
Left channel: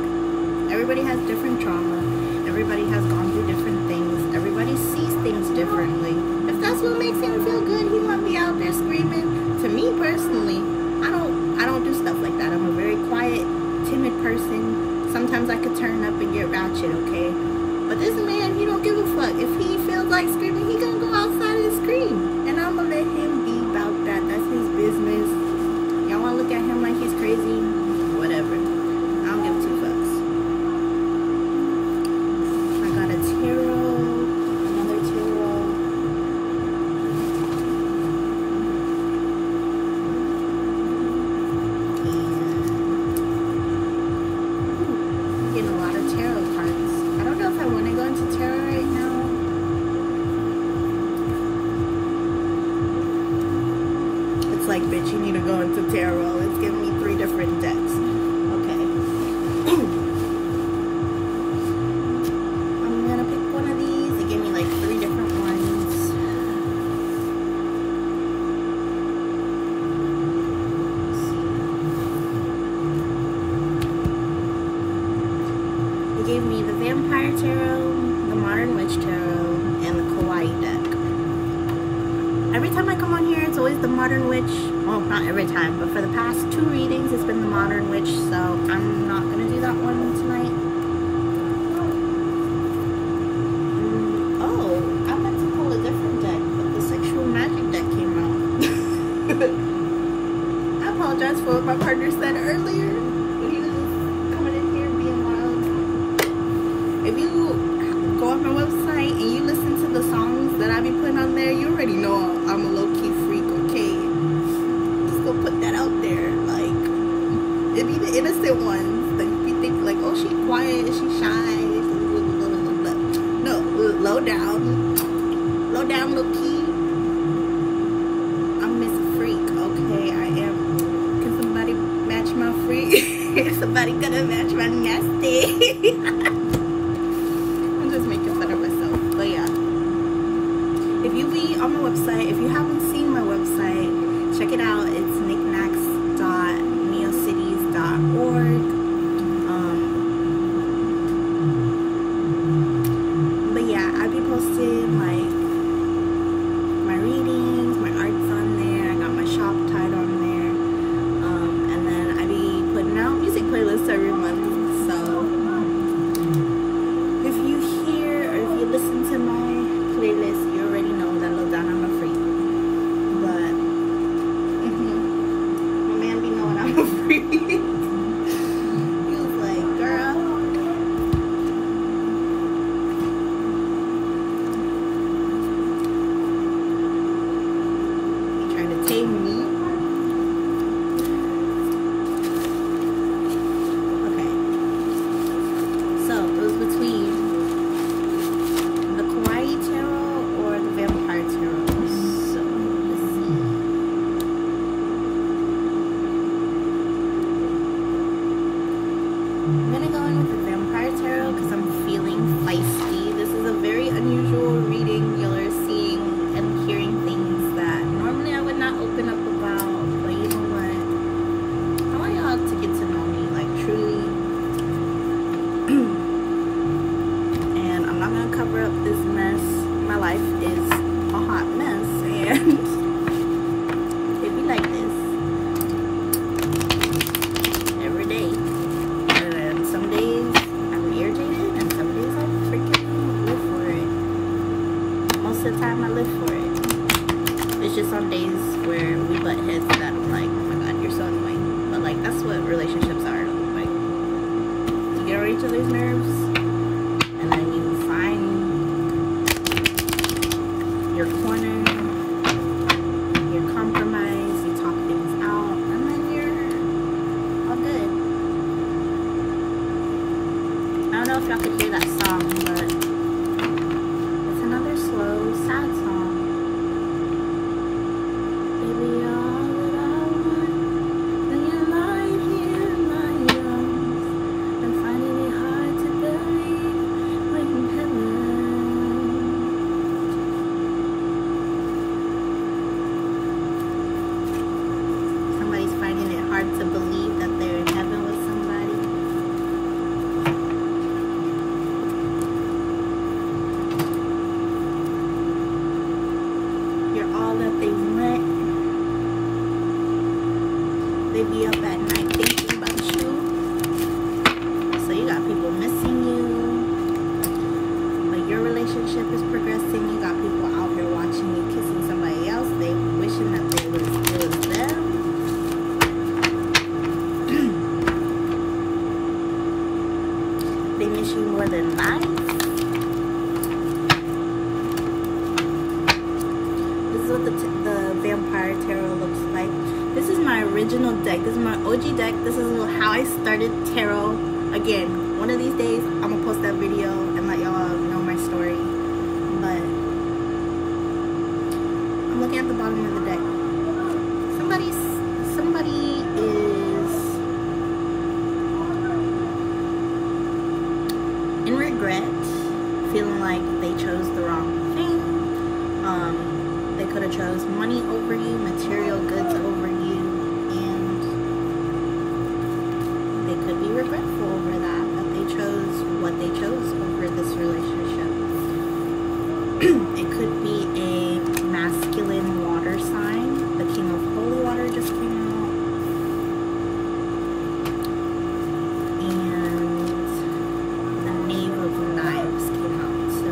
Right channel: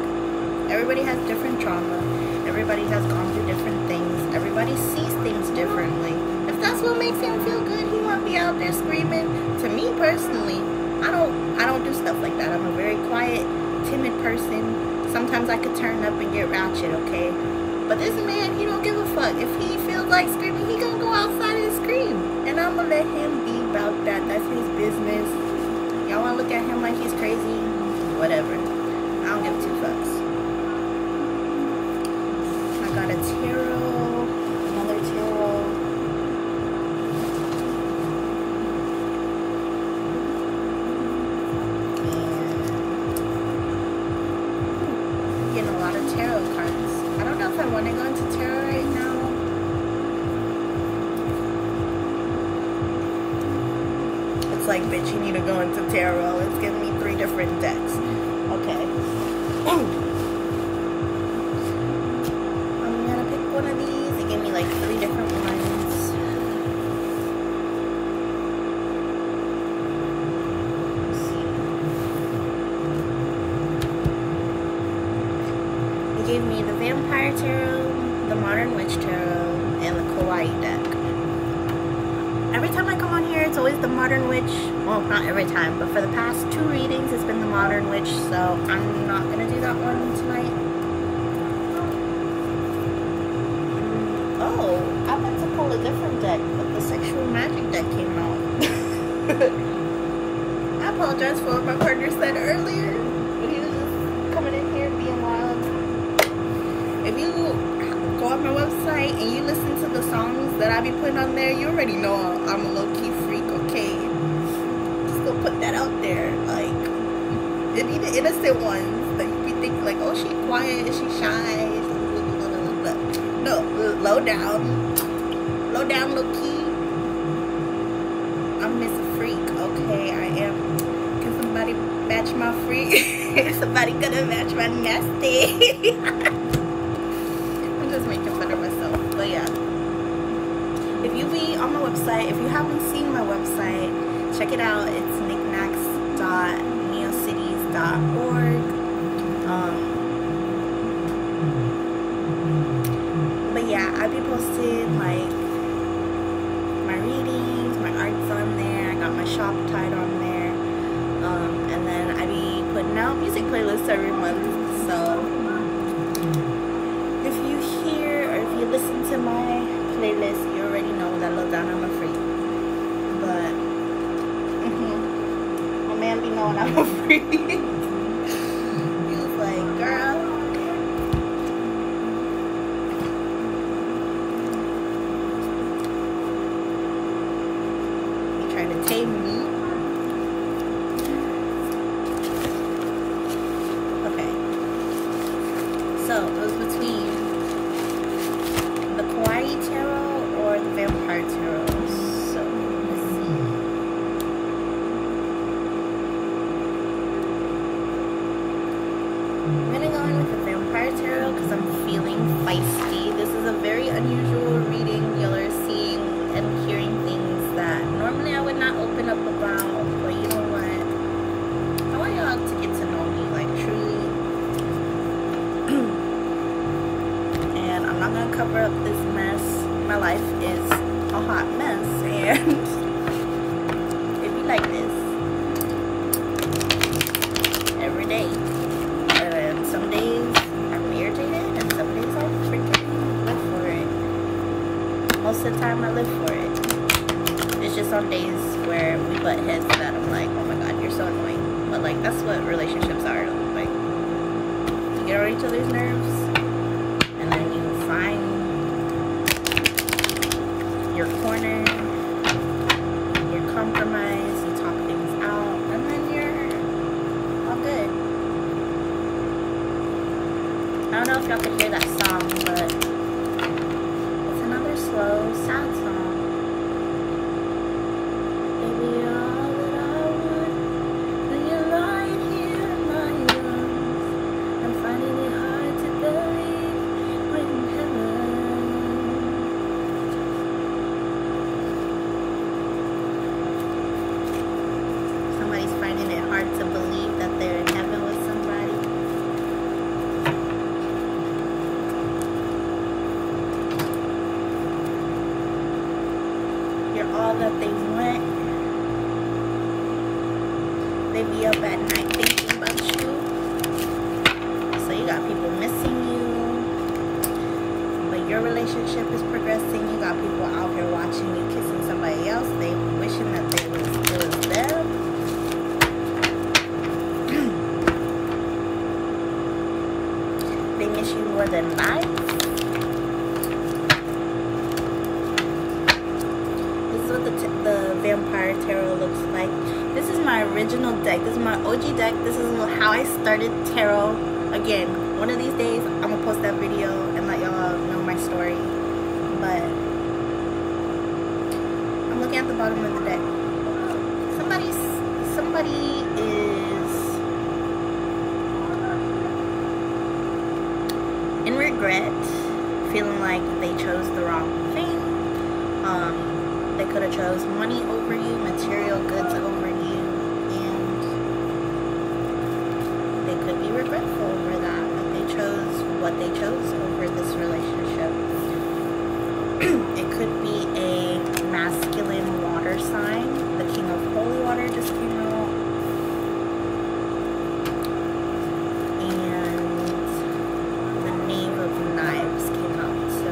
everybody has different trauma. Everybody has gone through different things. Everybody sees things differently. If that's what makes him feel good, he won't be out there screaming. To me personally, I don't do stuff like that. I'm a very quiet, timid person. Sometimes I could turn up and get ratchet, okay? But this man, he don't give a fuck. If he feels like screaming, he gonna go outside and scream. And I'm gonna let him be about that. That's his business. Y'all wanna look at him like he's crazy? Whatever. I don't give two fucks. I got a tarot, another tarot. I'm getting a lot of tarot cards. I don't know if I want to go into tarot right now. It's like, bitch, you need to go into tarot. It's giving me 3 different decks. Okay. I'm gonna pick one of these. They gave me like 3 different ones. They gave me the Vampire Tarot, the Modern Witch Tarot, and the Kawaii deck. Every time I come on here, it's always the Modern Witch. Well, not every time, but for the past 2 readings, it's been the Modern Witch, so I'm not gonna do that one tonight. Oh, I meant to pull a different deck, but the Sexual Magic deck came out. I apologize for what my partner said earlier, but he was just coming in here being wild. If you go on my website and you listen to the songs that I be putting on there, you already know I'm a low-key freak, okay? Just go put that out there. Like, it be the innocent ones that you think like, oh, she quiet, she shy, no, low down, low-key. I'm Miss Freak, okay? I am. Can somebody match my free. Somebody gonna match my nasty. I'm just making fun of myself, but yeah. If you be on my website, if you haven't seen my website, check it out. It's knickknacks.neocities.org. But yeah, I'll be posting like my readings, my arts on there. I got my shop tied on there. And then I be putting out music playlists every month. So if you hear or if you listen to my playlist, you already know that low down I'm a freak. But my man be knowing I'm a freak. He was like, girl, you trying to tame me? So it was between the Kawaii Tarot or the Vampire Tarot. So let's see. I'm gonna go in with the Vampire Tarot because I'm feeling feisty. This is a very unusual reading. Y'all are seeing and hearing things that normally I would not open up about. But you know what? I want y'all to get to know me, like truly. And I'm not gonna cover up this mess. My life is a hot mess, and it be like this every day. And some days I'm irritated, and some days I freaking live for it. Most of the time I live for it. It's just on days where we butt heads that I'm like, oh my god, you're so annoying. But like, that's what relationships are. Like, get on each other's nerves, and then you find your corner, your compromise, you talk things out, and then you're all good. I don't know if y'all could hear that song, but it's another slow, sad song. Baby, you're all that I want, and you're lying here in my arms. I'm finding it hard to believe we're in heaven. Somebody's finding it hard to believe that they're in heaven with somebody. You're all that they want. They be up at night thinking about you. So you got people missing you, but your relationship is progressing. You got people out here watching you kissing somebody else. They wishing that it was them. They miss you more than life. This is what the Vampire Tarot looks like. This is my original deck. This is my OG deck. This is how I started tarot. Again, one of these days, I'm gonna post that video and let y'all know my story. But I'm looking at the bottom of the deck. Somebody is in regret, feeling like they chose the wrong thing. They could have chose money over you, material goods over you, and they could be regretful over that they chose what they chose over this relationship. It could be a masculine water sign. The King of Holy Water just came out. And the Knave of Knives came out. So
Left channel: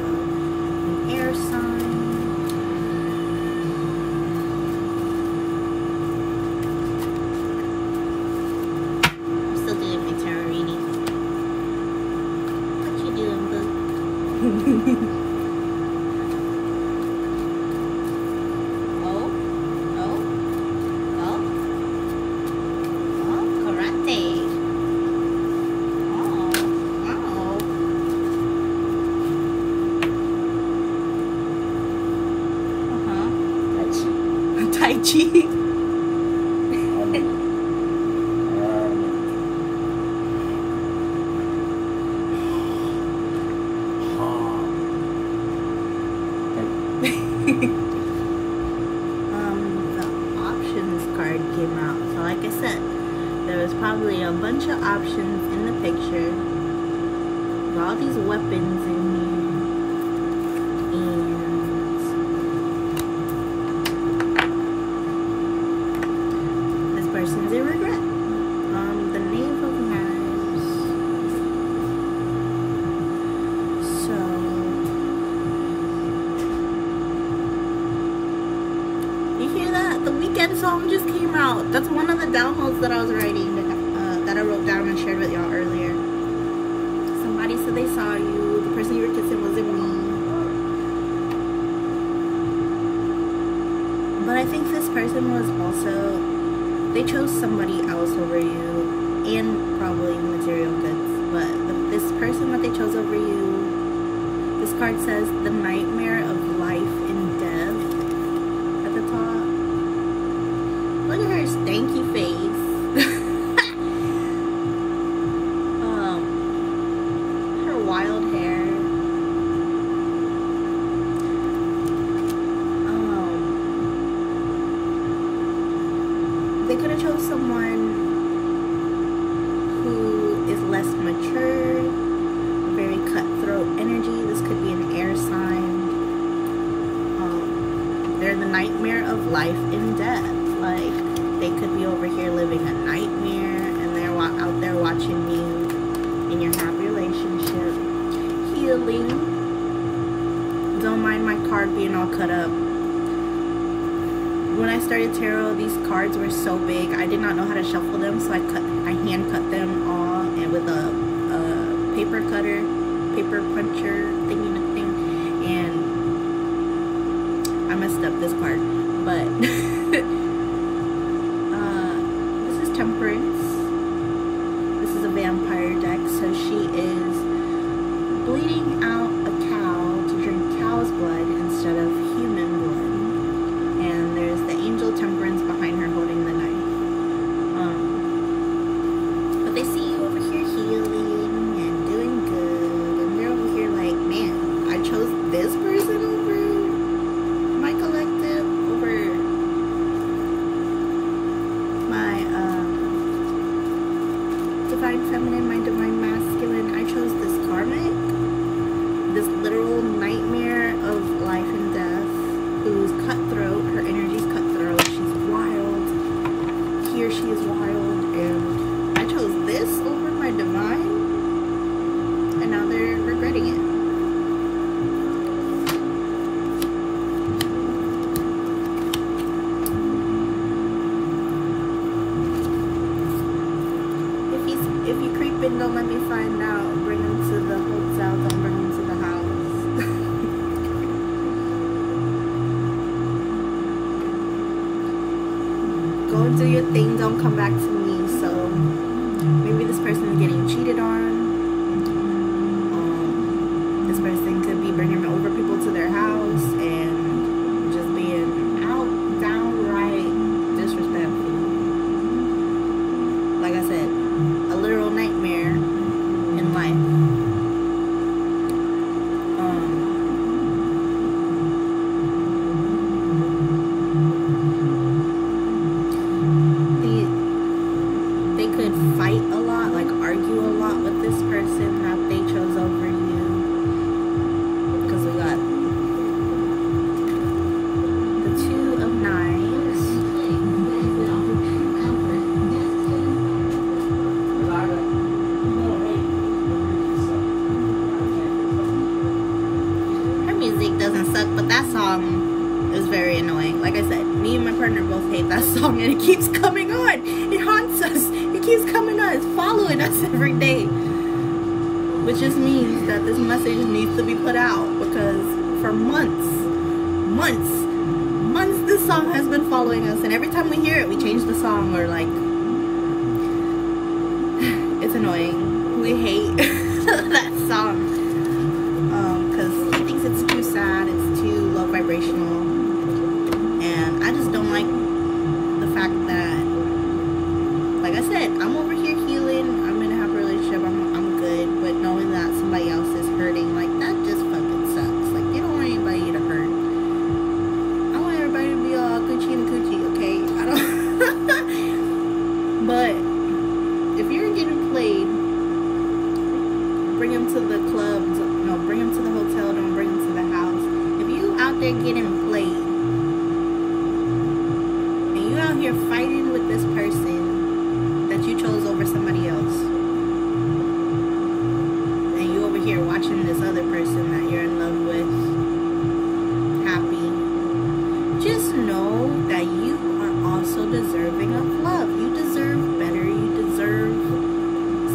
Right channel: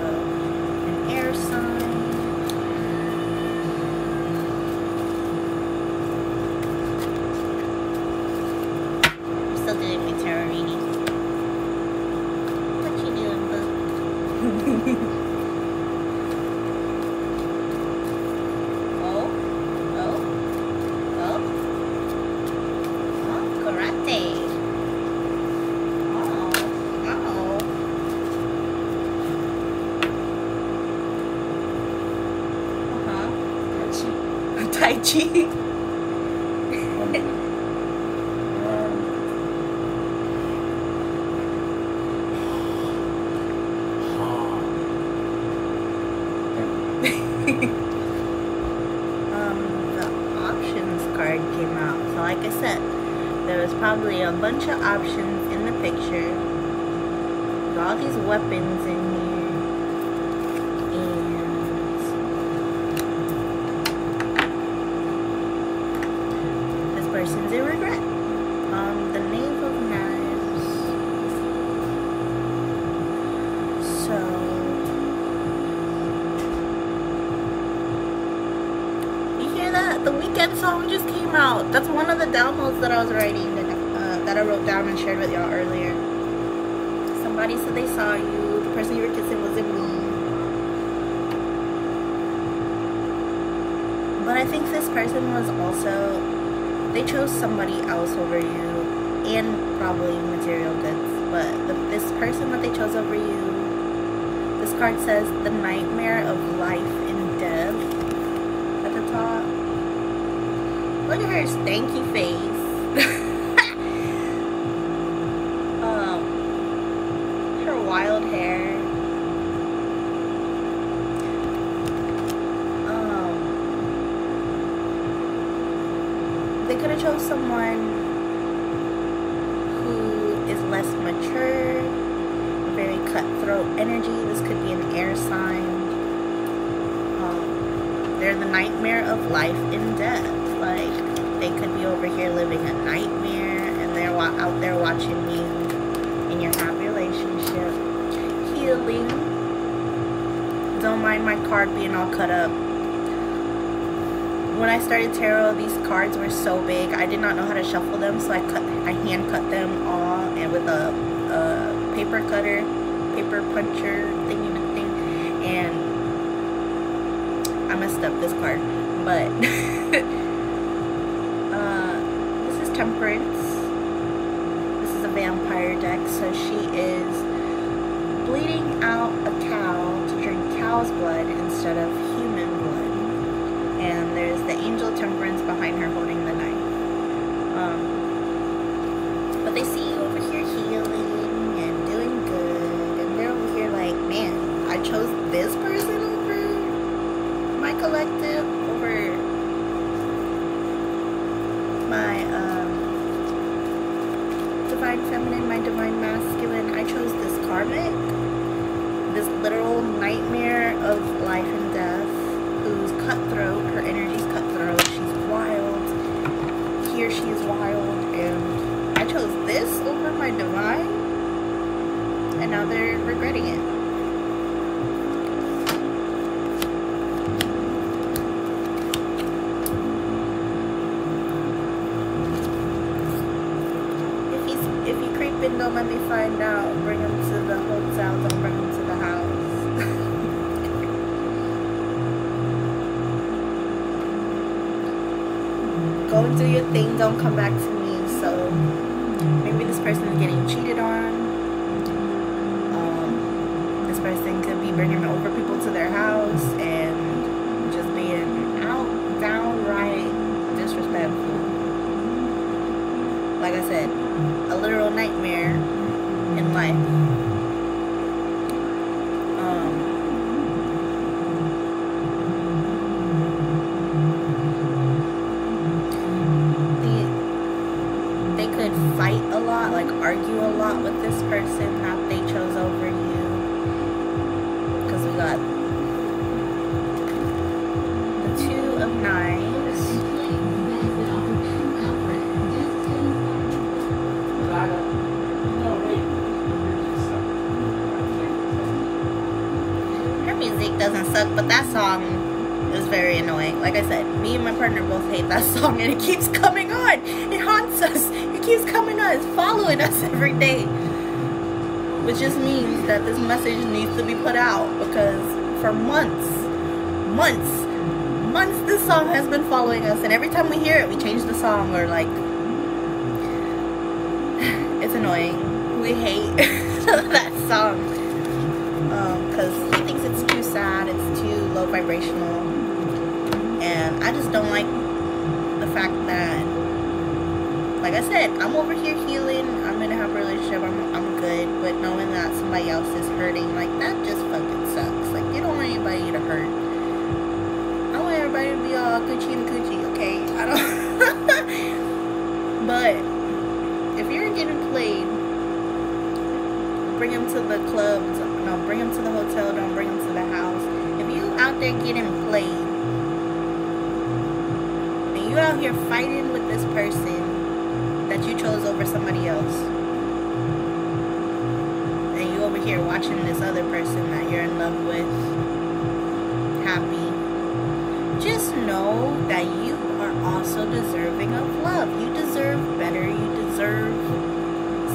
an air sign. Doing my tarot reading. What you doing, boo? Oh, karate. Tai Chi. The options card came out. So like I said, there was probably a bunch of options in the picture. With all these weapons in here. And this person's in regret. The Knave of Knives. So you hear that? The Weeknd song just came out. That's one of the downloads that I was writing, that I wrote down and shared with y'all earlier. Somebody said they saw you. The person you were kissing wasn't me. But I think this person was also, they chose somebody else over you, and probably material goods. But this person that they chose over you, this card says the nightmare of life and death at the top. Look at her stanky face. Her wild hair. They could have chose someone who is less mature, very cutthroat energy. This could be an air sign. They're the nightmare of life and death. Like, they could be over here living a nightmare, and they're out there watching you in your happy relationship. Healing. Don't mind my card being all cut up. When I started tarot, these cards were so big, I did not know how to shuffle them, so I hand cut them all, and with a paper cutter, paper puncher thingy, and I messed up this card. But this is Temperance. This is a vampire deck, so she is bleeding out a cow to drink cow's blood instead of human blood. And there's the angel Temperance behind her holding the knife. But they see you over here healing and doing good, and they're over here like, man, I chose this person over my collective, over my divine feminine, my divine masculine. I chose this karmic, this literal nightmare of life and death, who's cutthroat. Her energy's cutthroat. She's wild. Here she is wild, and I chose this over my divine, and now they're regretting it. If you creep in, don't let me find out. Bring him to the hotel, don't bring him to the house. Go and do your thing, don't come back to me. So maybe this person is getting cheated on. This person could be bringing over people to their house and just being downright disrespectful. Like I said, a literal nightmare in life. They could fight a lot, like argue a lot with this person that they chose over you. Because we got the Two of Knives. Her music doesn't suck, but that song is very annoying. Like I said, me and my partner both hate that song, and it keeps coming on. It haunts us. It keeps coming on. It's following us every day. Which just means that this message needs to be put out, because for months, this song has been following us, and every time we hear it, we change the song, or like, it's annoying. We hate that song, because he thinks it's too sad, it's too low vibrational, and I just don't like the fact that, like I said, I'm over here healing, I'm in a happy relationship, I'm good, but knowing that somebody else is hurting, like, that just fucking sucks. Like, you don't want anybody to hurt. them to the clubs. No, bring them to the hotel. Don't bring them to the house. If you out there getting played, and you out here fighting with this person that you chose over somebody else, and you over here watching this other person that you're in love with happy, just know that you are also deserving of love. You deserve better. You deserve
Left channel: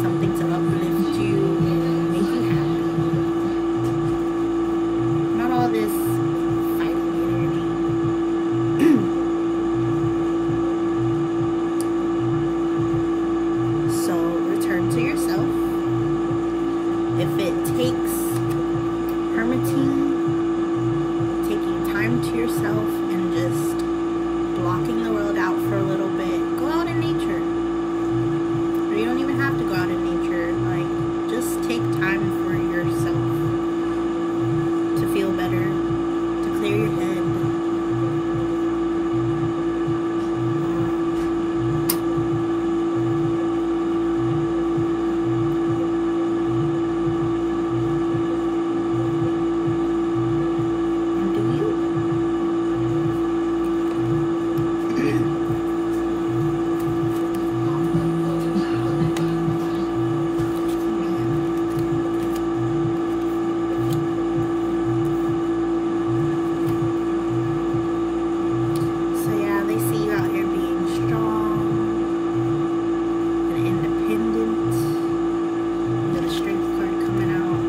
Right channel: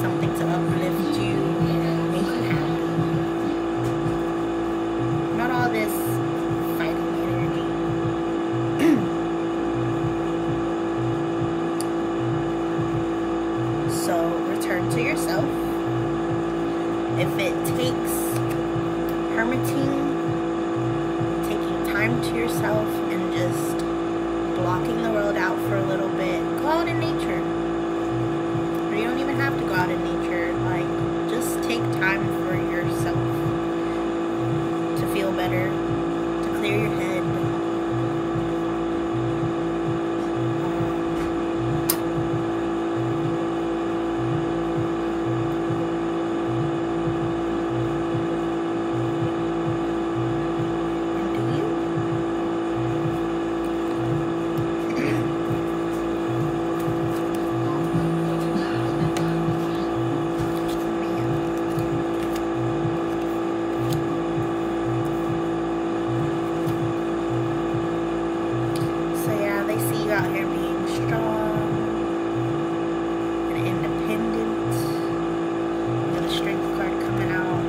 something to uplift you and make you happy. Not all this fighting energy. So return to yourself. If it takes hermiting, taking time to yourself and just blocking the world out for a little bit, go out in nature. Or you don't even have to go out in nature. Like, just take time for yourself to feel better, to clear your head. Out here being strong and independent. You got a strength card coming out,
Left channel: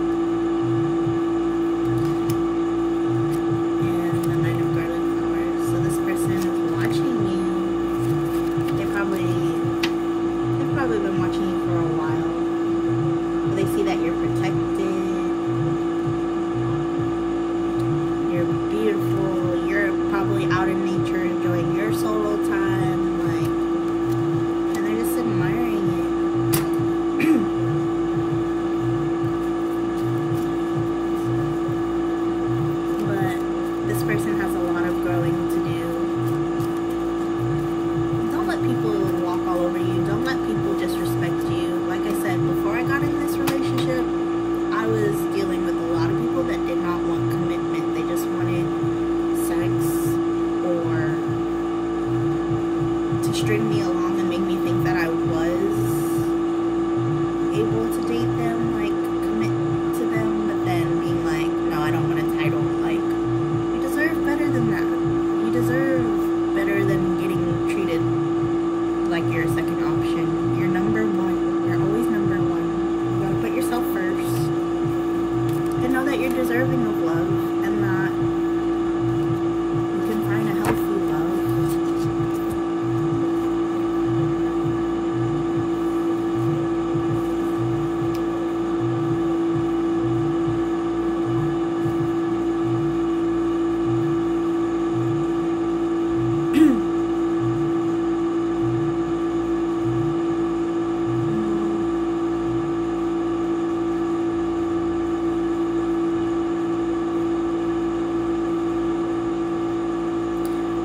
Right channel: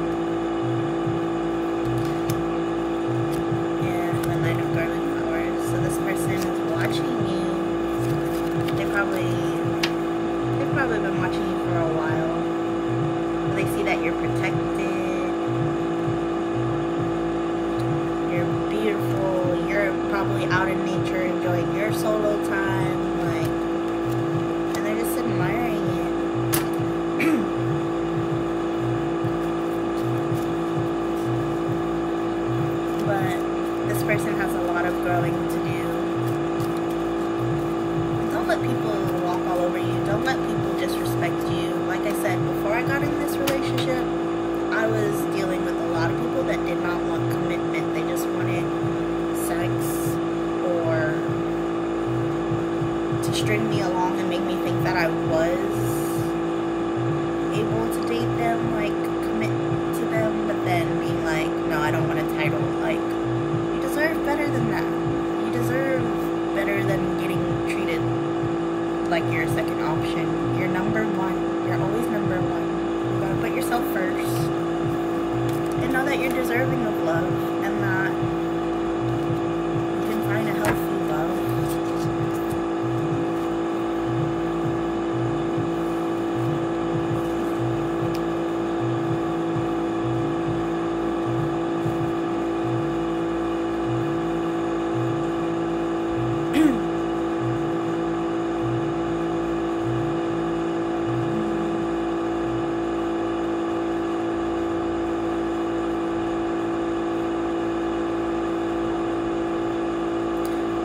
and the Knight of Garlic Flowers. So this person is watching you. They've probably been watching you for a while. But they see that you're protected. You're beautiful. You're probably out in nature enjoying your solo time, like, and they're just admiring it. But this person has a lot of growing to do. Don't let people walk all over you. Don't let people disrespect you. Like I said, before I got in this relationship, I was dealing with a lot of people that did not want commitment. They just wanted sex or to string me along and make me think that I was able to date them, like commit to them, but then being like, no, I don't want a title. Like, you deserve better than that. You deserve better than getting treated like you're a second option. You're number one. You're always number one. You gotta put yourself first and know that you're deserving of love, and that you can find a healthy love.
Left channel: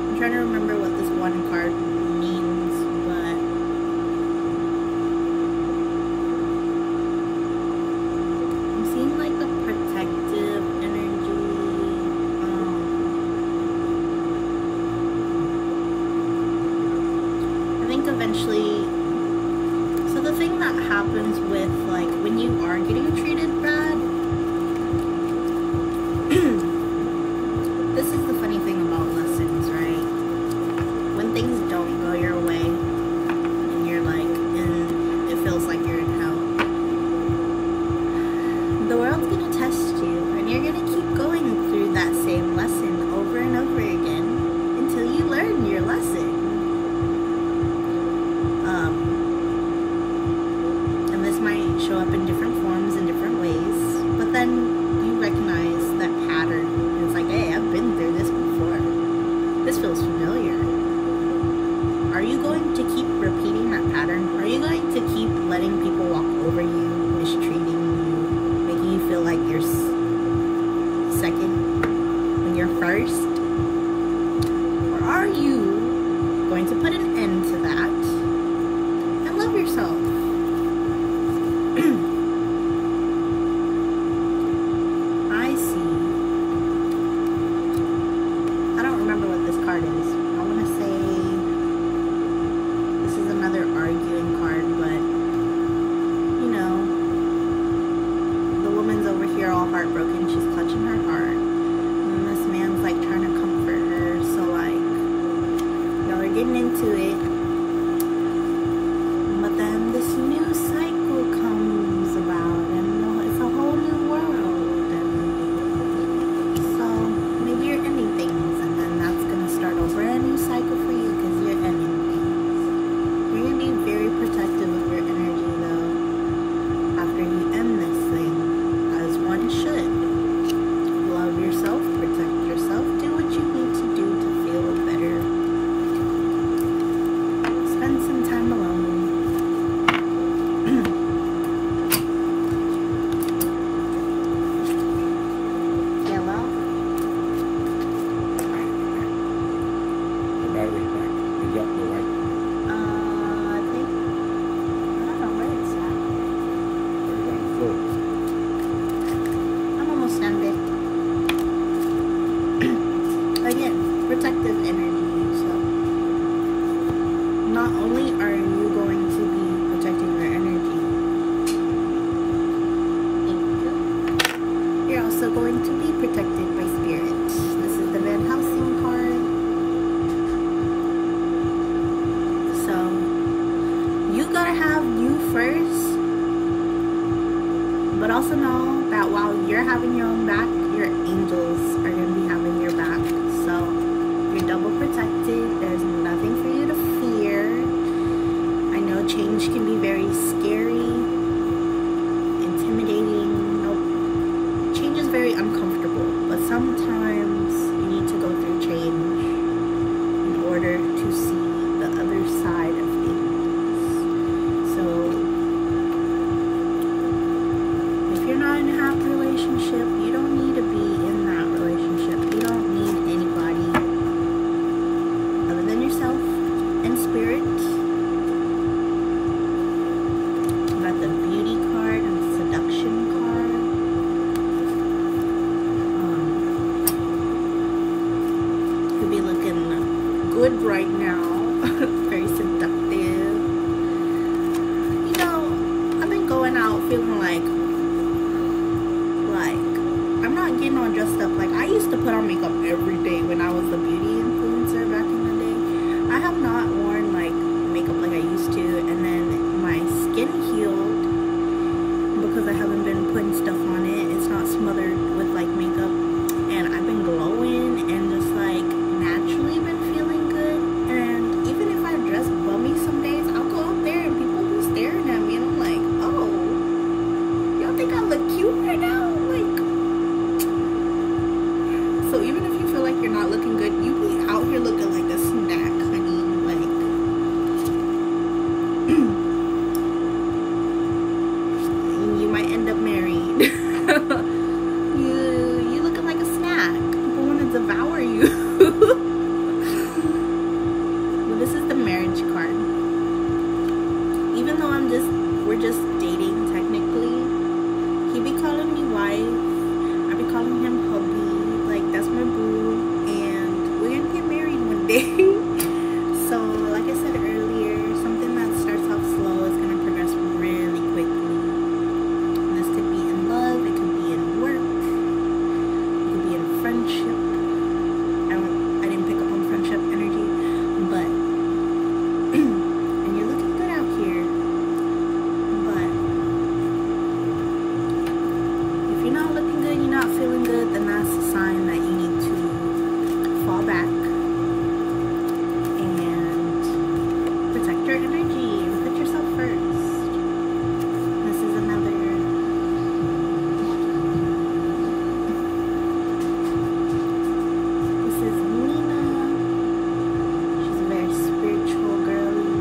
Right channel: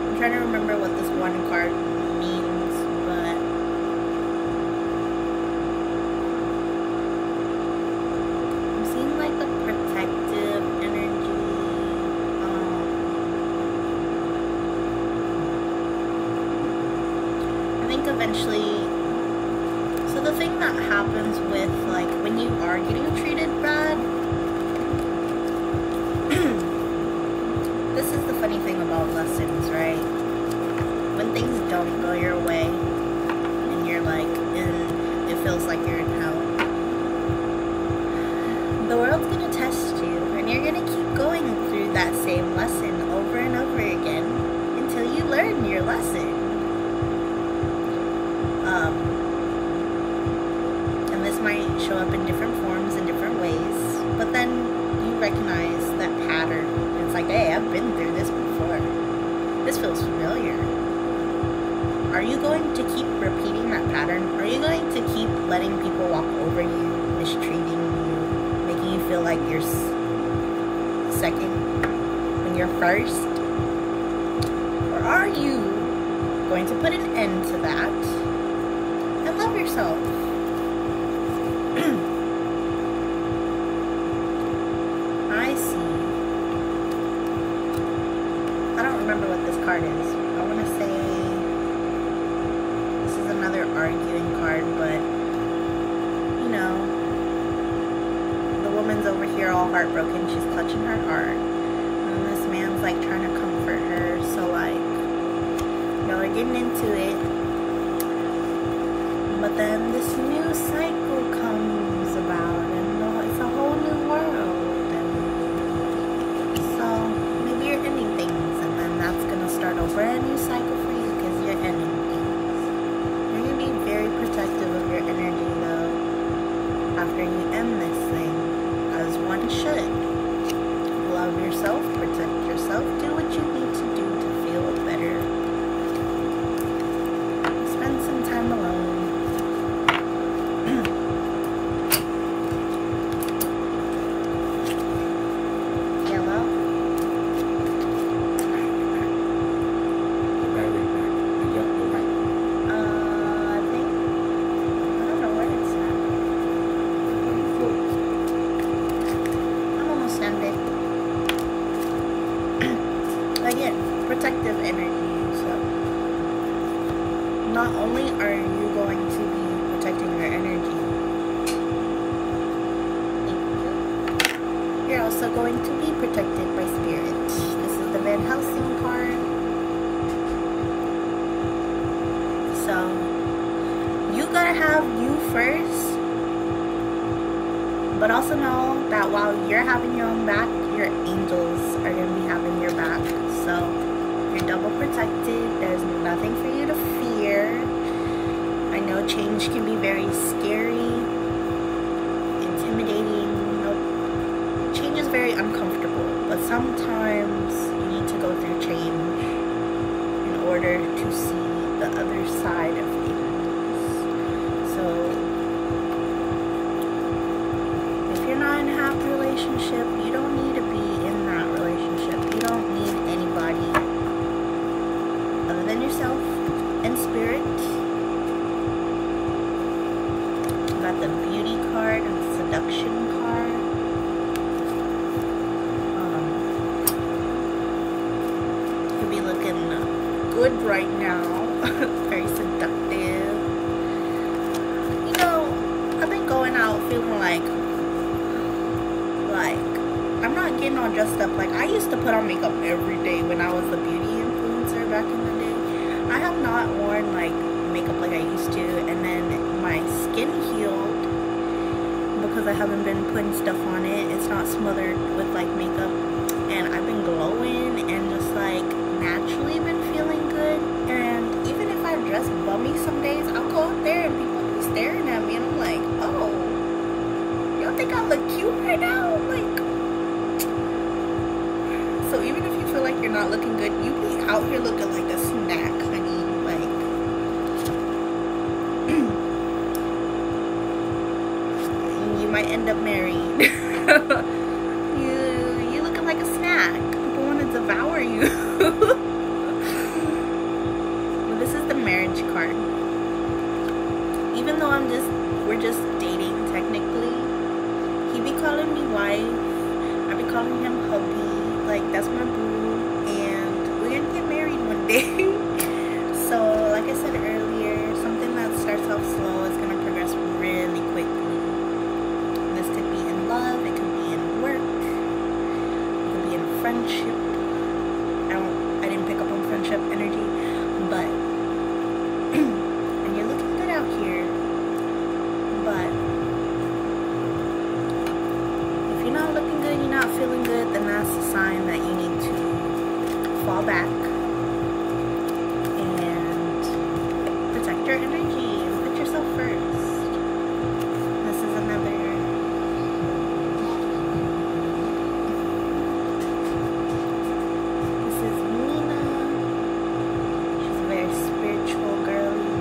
I'm trying to remember what this one card means, but I'm seeing like a protective energy. I think eventually, so the thing that happens with, like, when you are getting treated bad, this is the funny thing about lessons, right? When things don't go your way and you're like, it feels like you're in hell, the world's gonna test you, and you're gonna keep going through that same lesson over and over again until you learn your lesson. And this might show up in different forms in different ways, but then you recognize that pattern. And it's like, hey, I've been through this before. This feels familiar. Are you going to keep repeating that pattern? Are you going to keep letting people walk over you, mistreating you, making you feel like you're second when you're first? Or are you going to put an end to that and love yourself? remember what this card is. I want to say this is another arguing card, but you know, the woman's over here all heartbroken. She's clutching her heart, and this man's like trying to comfort her. So like, y'all are getting into it, but then this new cycle comes about, and it's a whole new world, and so maybe you're ending things, and then that's gonna start a brand new cycle for you because you're ending things. You're gonna be very protective of your energy though after you end this thing, as one should. Love yourself, protect yourself, do what you need to do to feel better. Spend some time alone. Yellow. I think, I don't know where it's at. I'm almost done, babe. Again, protective energy. So not only are you going to be protecting your energy, you're also going to be protected by spirit. This is the Van Helsing card. So you gotta have you first, but also know that while you're having your own back, your angels are gonna be having your back. So you're double protected. There's nothing for you to fear. I know change can be very scary, intimidating. Change is very uncomfortable, but sometimes you need to go through change in order to see the other side of things. So if you're not in a happy relationship, you don't need to be in that relationship. You don't need anybody other than yourself and spirit. You got the beauty card and the seduction card. Could be looking good right now. Very seductive. You know, I've been going out feeling like I'm not getting all dressed up. Like, I used to put on makeup every day when I was the beauty influencer back in the day. I have not worn like makeup like I used to, and then my skin healed because I haven't been putting stuff on it. It's not smothered with like makeup, and I've been glowing and just like naturally been feeling good. And even if I dress bummy some days, I'll go out there and people be staring at me, and I'm like, oh, y'all think I look cute right now? Like, so even if you feel like you're not looking good, you be out here looking like a snack, honey. Like, you might end up married. you looking like a snack. People want to devour you. But this is the marriage card. Even though we're just dating technically, he be calling me wife, I be calling him hubby. Like, that's my boo, and we're gonna get married one day. So like I said earlier, something that starts off slow is gonna progress really quickly. And this could be in love, it could be in work, it could be in friendship. I didn't pick up on friendship energy, but and you're looking good out here. But if you're not looking good, you're not feeling good, then that's a sign that you need to fall back and protect your energy and put yourself first. This is another. This is Nina. She's a very spiritual girly.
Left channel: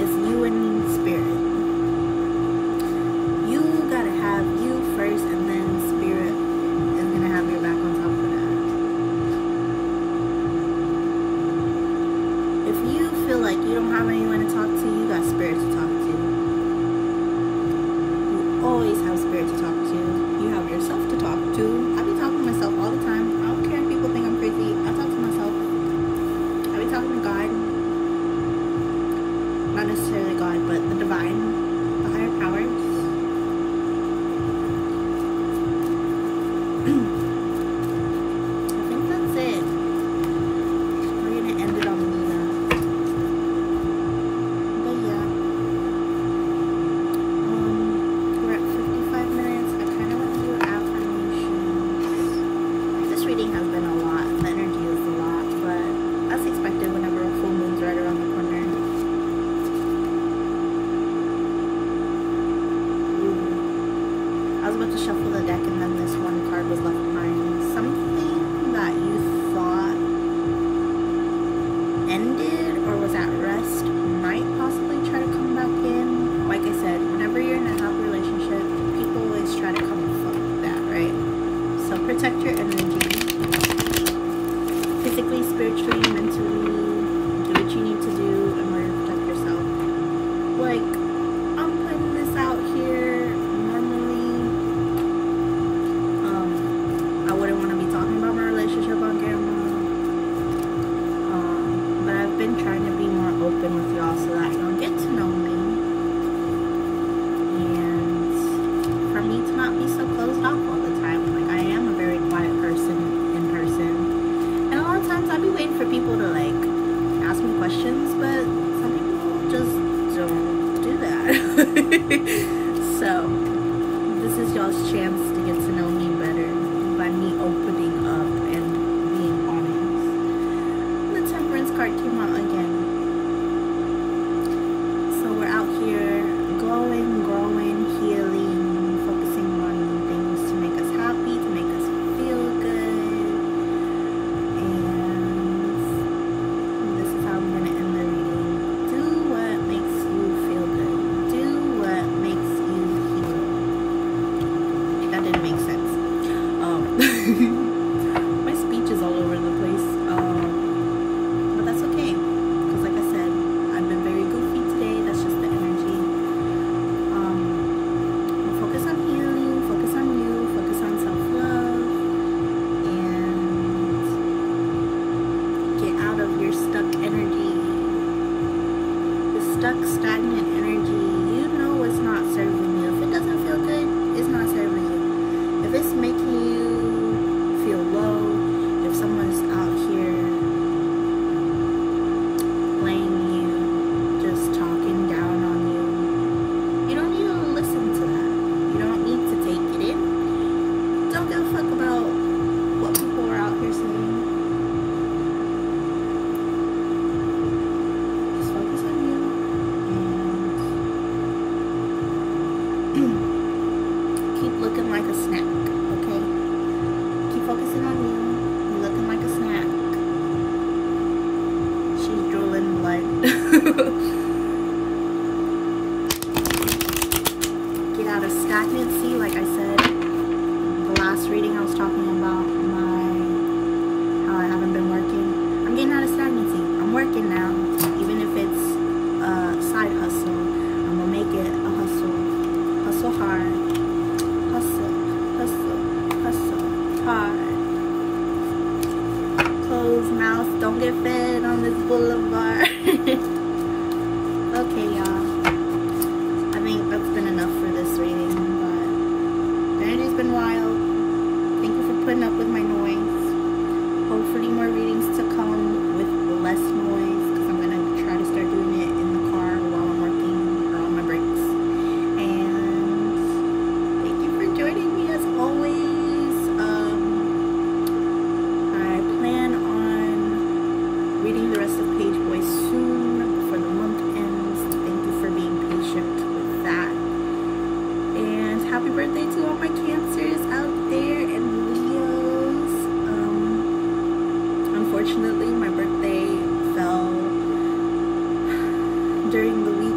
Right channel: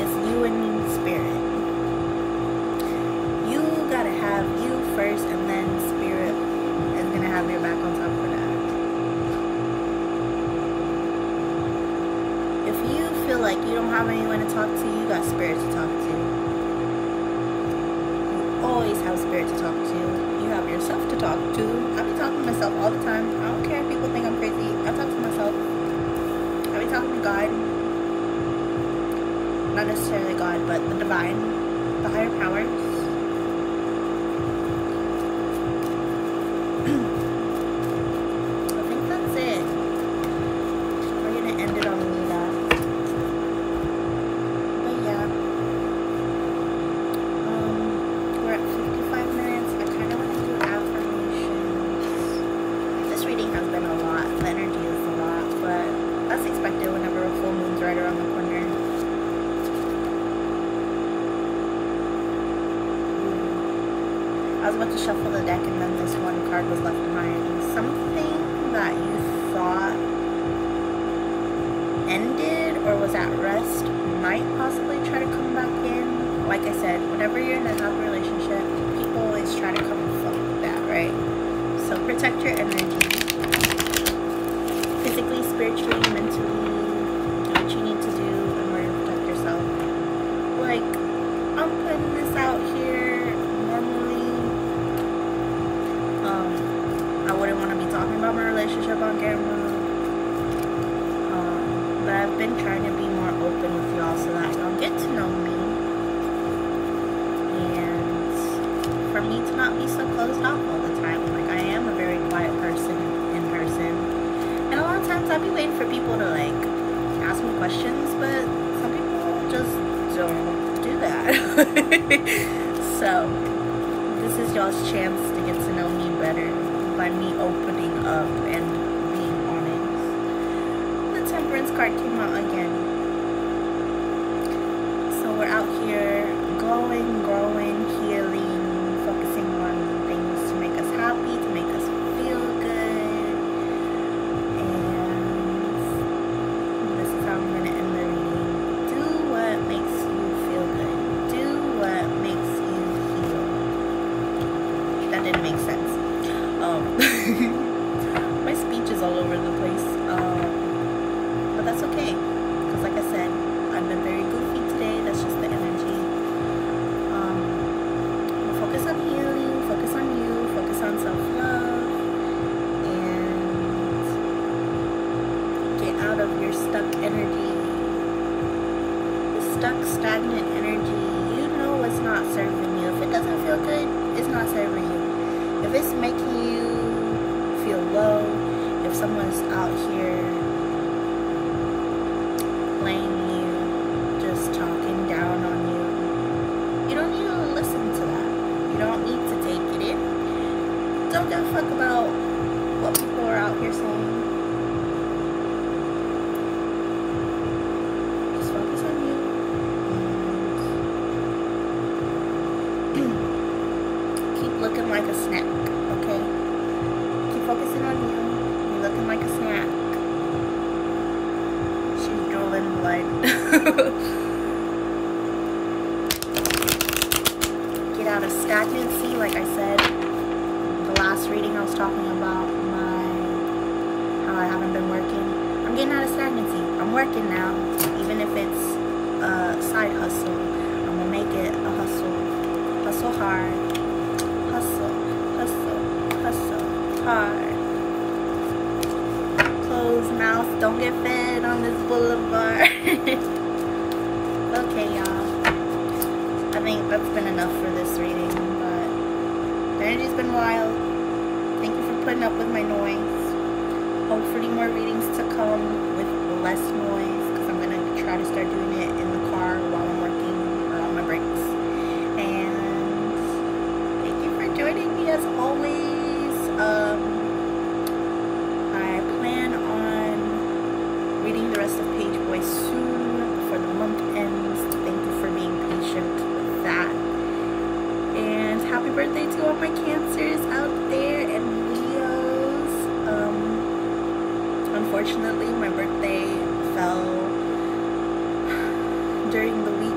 It's you and spirit. You gotta have you first, and then spirit is gonna have your back on top of that. If you feel like you don't have anyone to talk to, you got spirit to talk to. You always have spirit to talk to. You have yourself to talk to. I be talking to myself all the time. I don't care if people think I'm crazy. I talk to myself. I be talking to God. Not necessarily God, but the divine, the higher powers. I think that's it. We're gonna end it on that. But yeah, we're at 55 minutes. I kind of want to do affirmations. This reading has been a lot. The energy is a lot, but that's expected whenever a full moon's right around the corner. I was about to shuffle the deck and then this one card was left behind. Something that you thought ended or was at rest might possibly try to come back in. Like I said, whenever you're in a happy relationship, people always try to come and fuck with that, right? So protect your energy. Physically, spiritually, mentally, do what you need to do in order to protect yourself. Like, I'm putting this out here. Normally, I wouldn't want to be talking about my relationship on camera. But I've been trying to be more open with y'all so that y'all get to know me. And for me to not be so closed off all the time. Like, I am a very quiet person in person. And a lot of times I'll be waiting for people to like ask me questions, but some people just don't do that. So this is y'all's chance to get to know me better by me opening up and being honest. The Temperance card came out again. So we're out here glowing, growing, healing, focusing on things to make us happy, to make us feel good. I'm gonna end the reading. Do what makes you feel good. Do what makes you heal. That didn't make sense. My speech is all over the place. But that's okay. Because like I said, I've been very goofy today. That's just the energy. We'll focus on healing, focus on you, focus on self-love. Out of your stuck energy, the stuck, stagnant energy. You know what's not serving you. If it doesn't feel good, it's not serving you. If it's making you feel low, if someone's out here playing you, just talking down on you, you don't need to listen to that. You don't need to take it in. Don't give a fuck about what people are out here saying. Looking like a snack, okay? Keep focusing on you. You're looking like a snack. She's drooling blood. Get out of stagnancy, like I said. The last reading I was talking about how I haven't been working. I'm getting out of stagnancy. I'm working now. Even if it's a side hustle, I'm gonna make it a hustle. Hustle hard. Hustle, hustle, hustle, hard. Closed mouth, don't get fed on this boulevard. Okay, y'all. I think that's been enough for this reading, but the energy's been wild. Thank you for putting up with my noise. Hopefully more readings to come with less noise, because I'm going to try to start doing it in the car while I'm working or on my breaks. Joining me as always. I plan on reading the rest of Page Boy soon before the month ends. Thank you for being patient with that. And happy birthday to all my Cancers out there and Leos. Unfortunately, my birthday fell during the week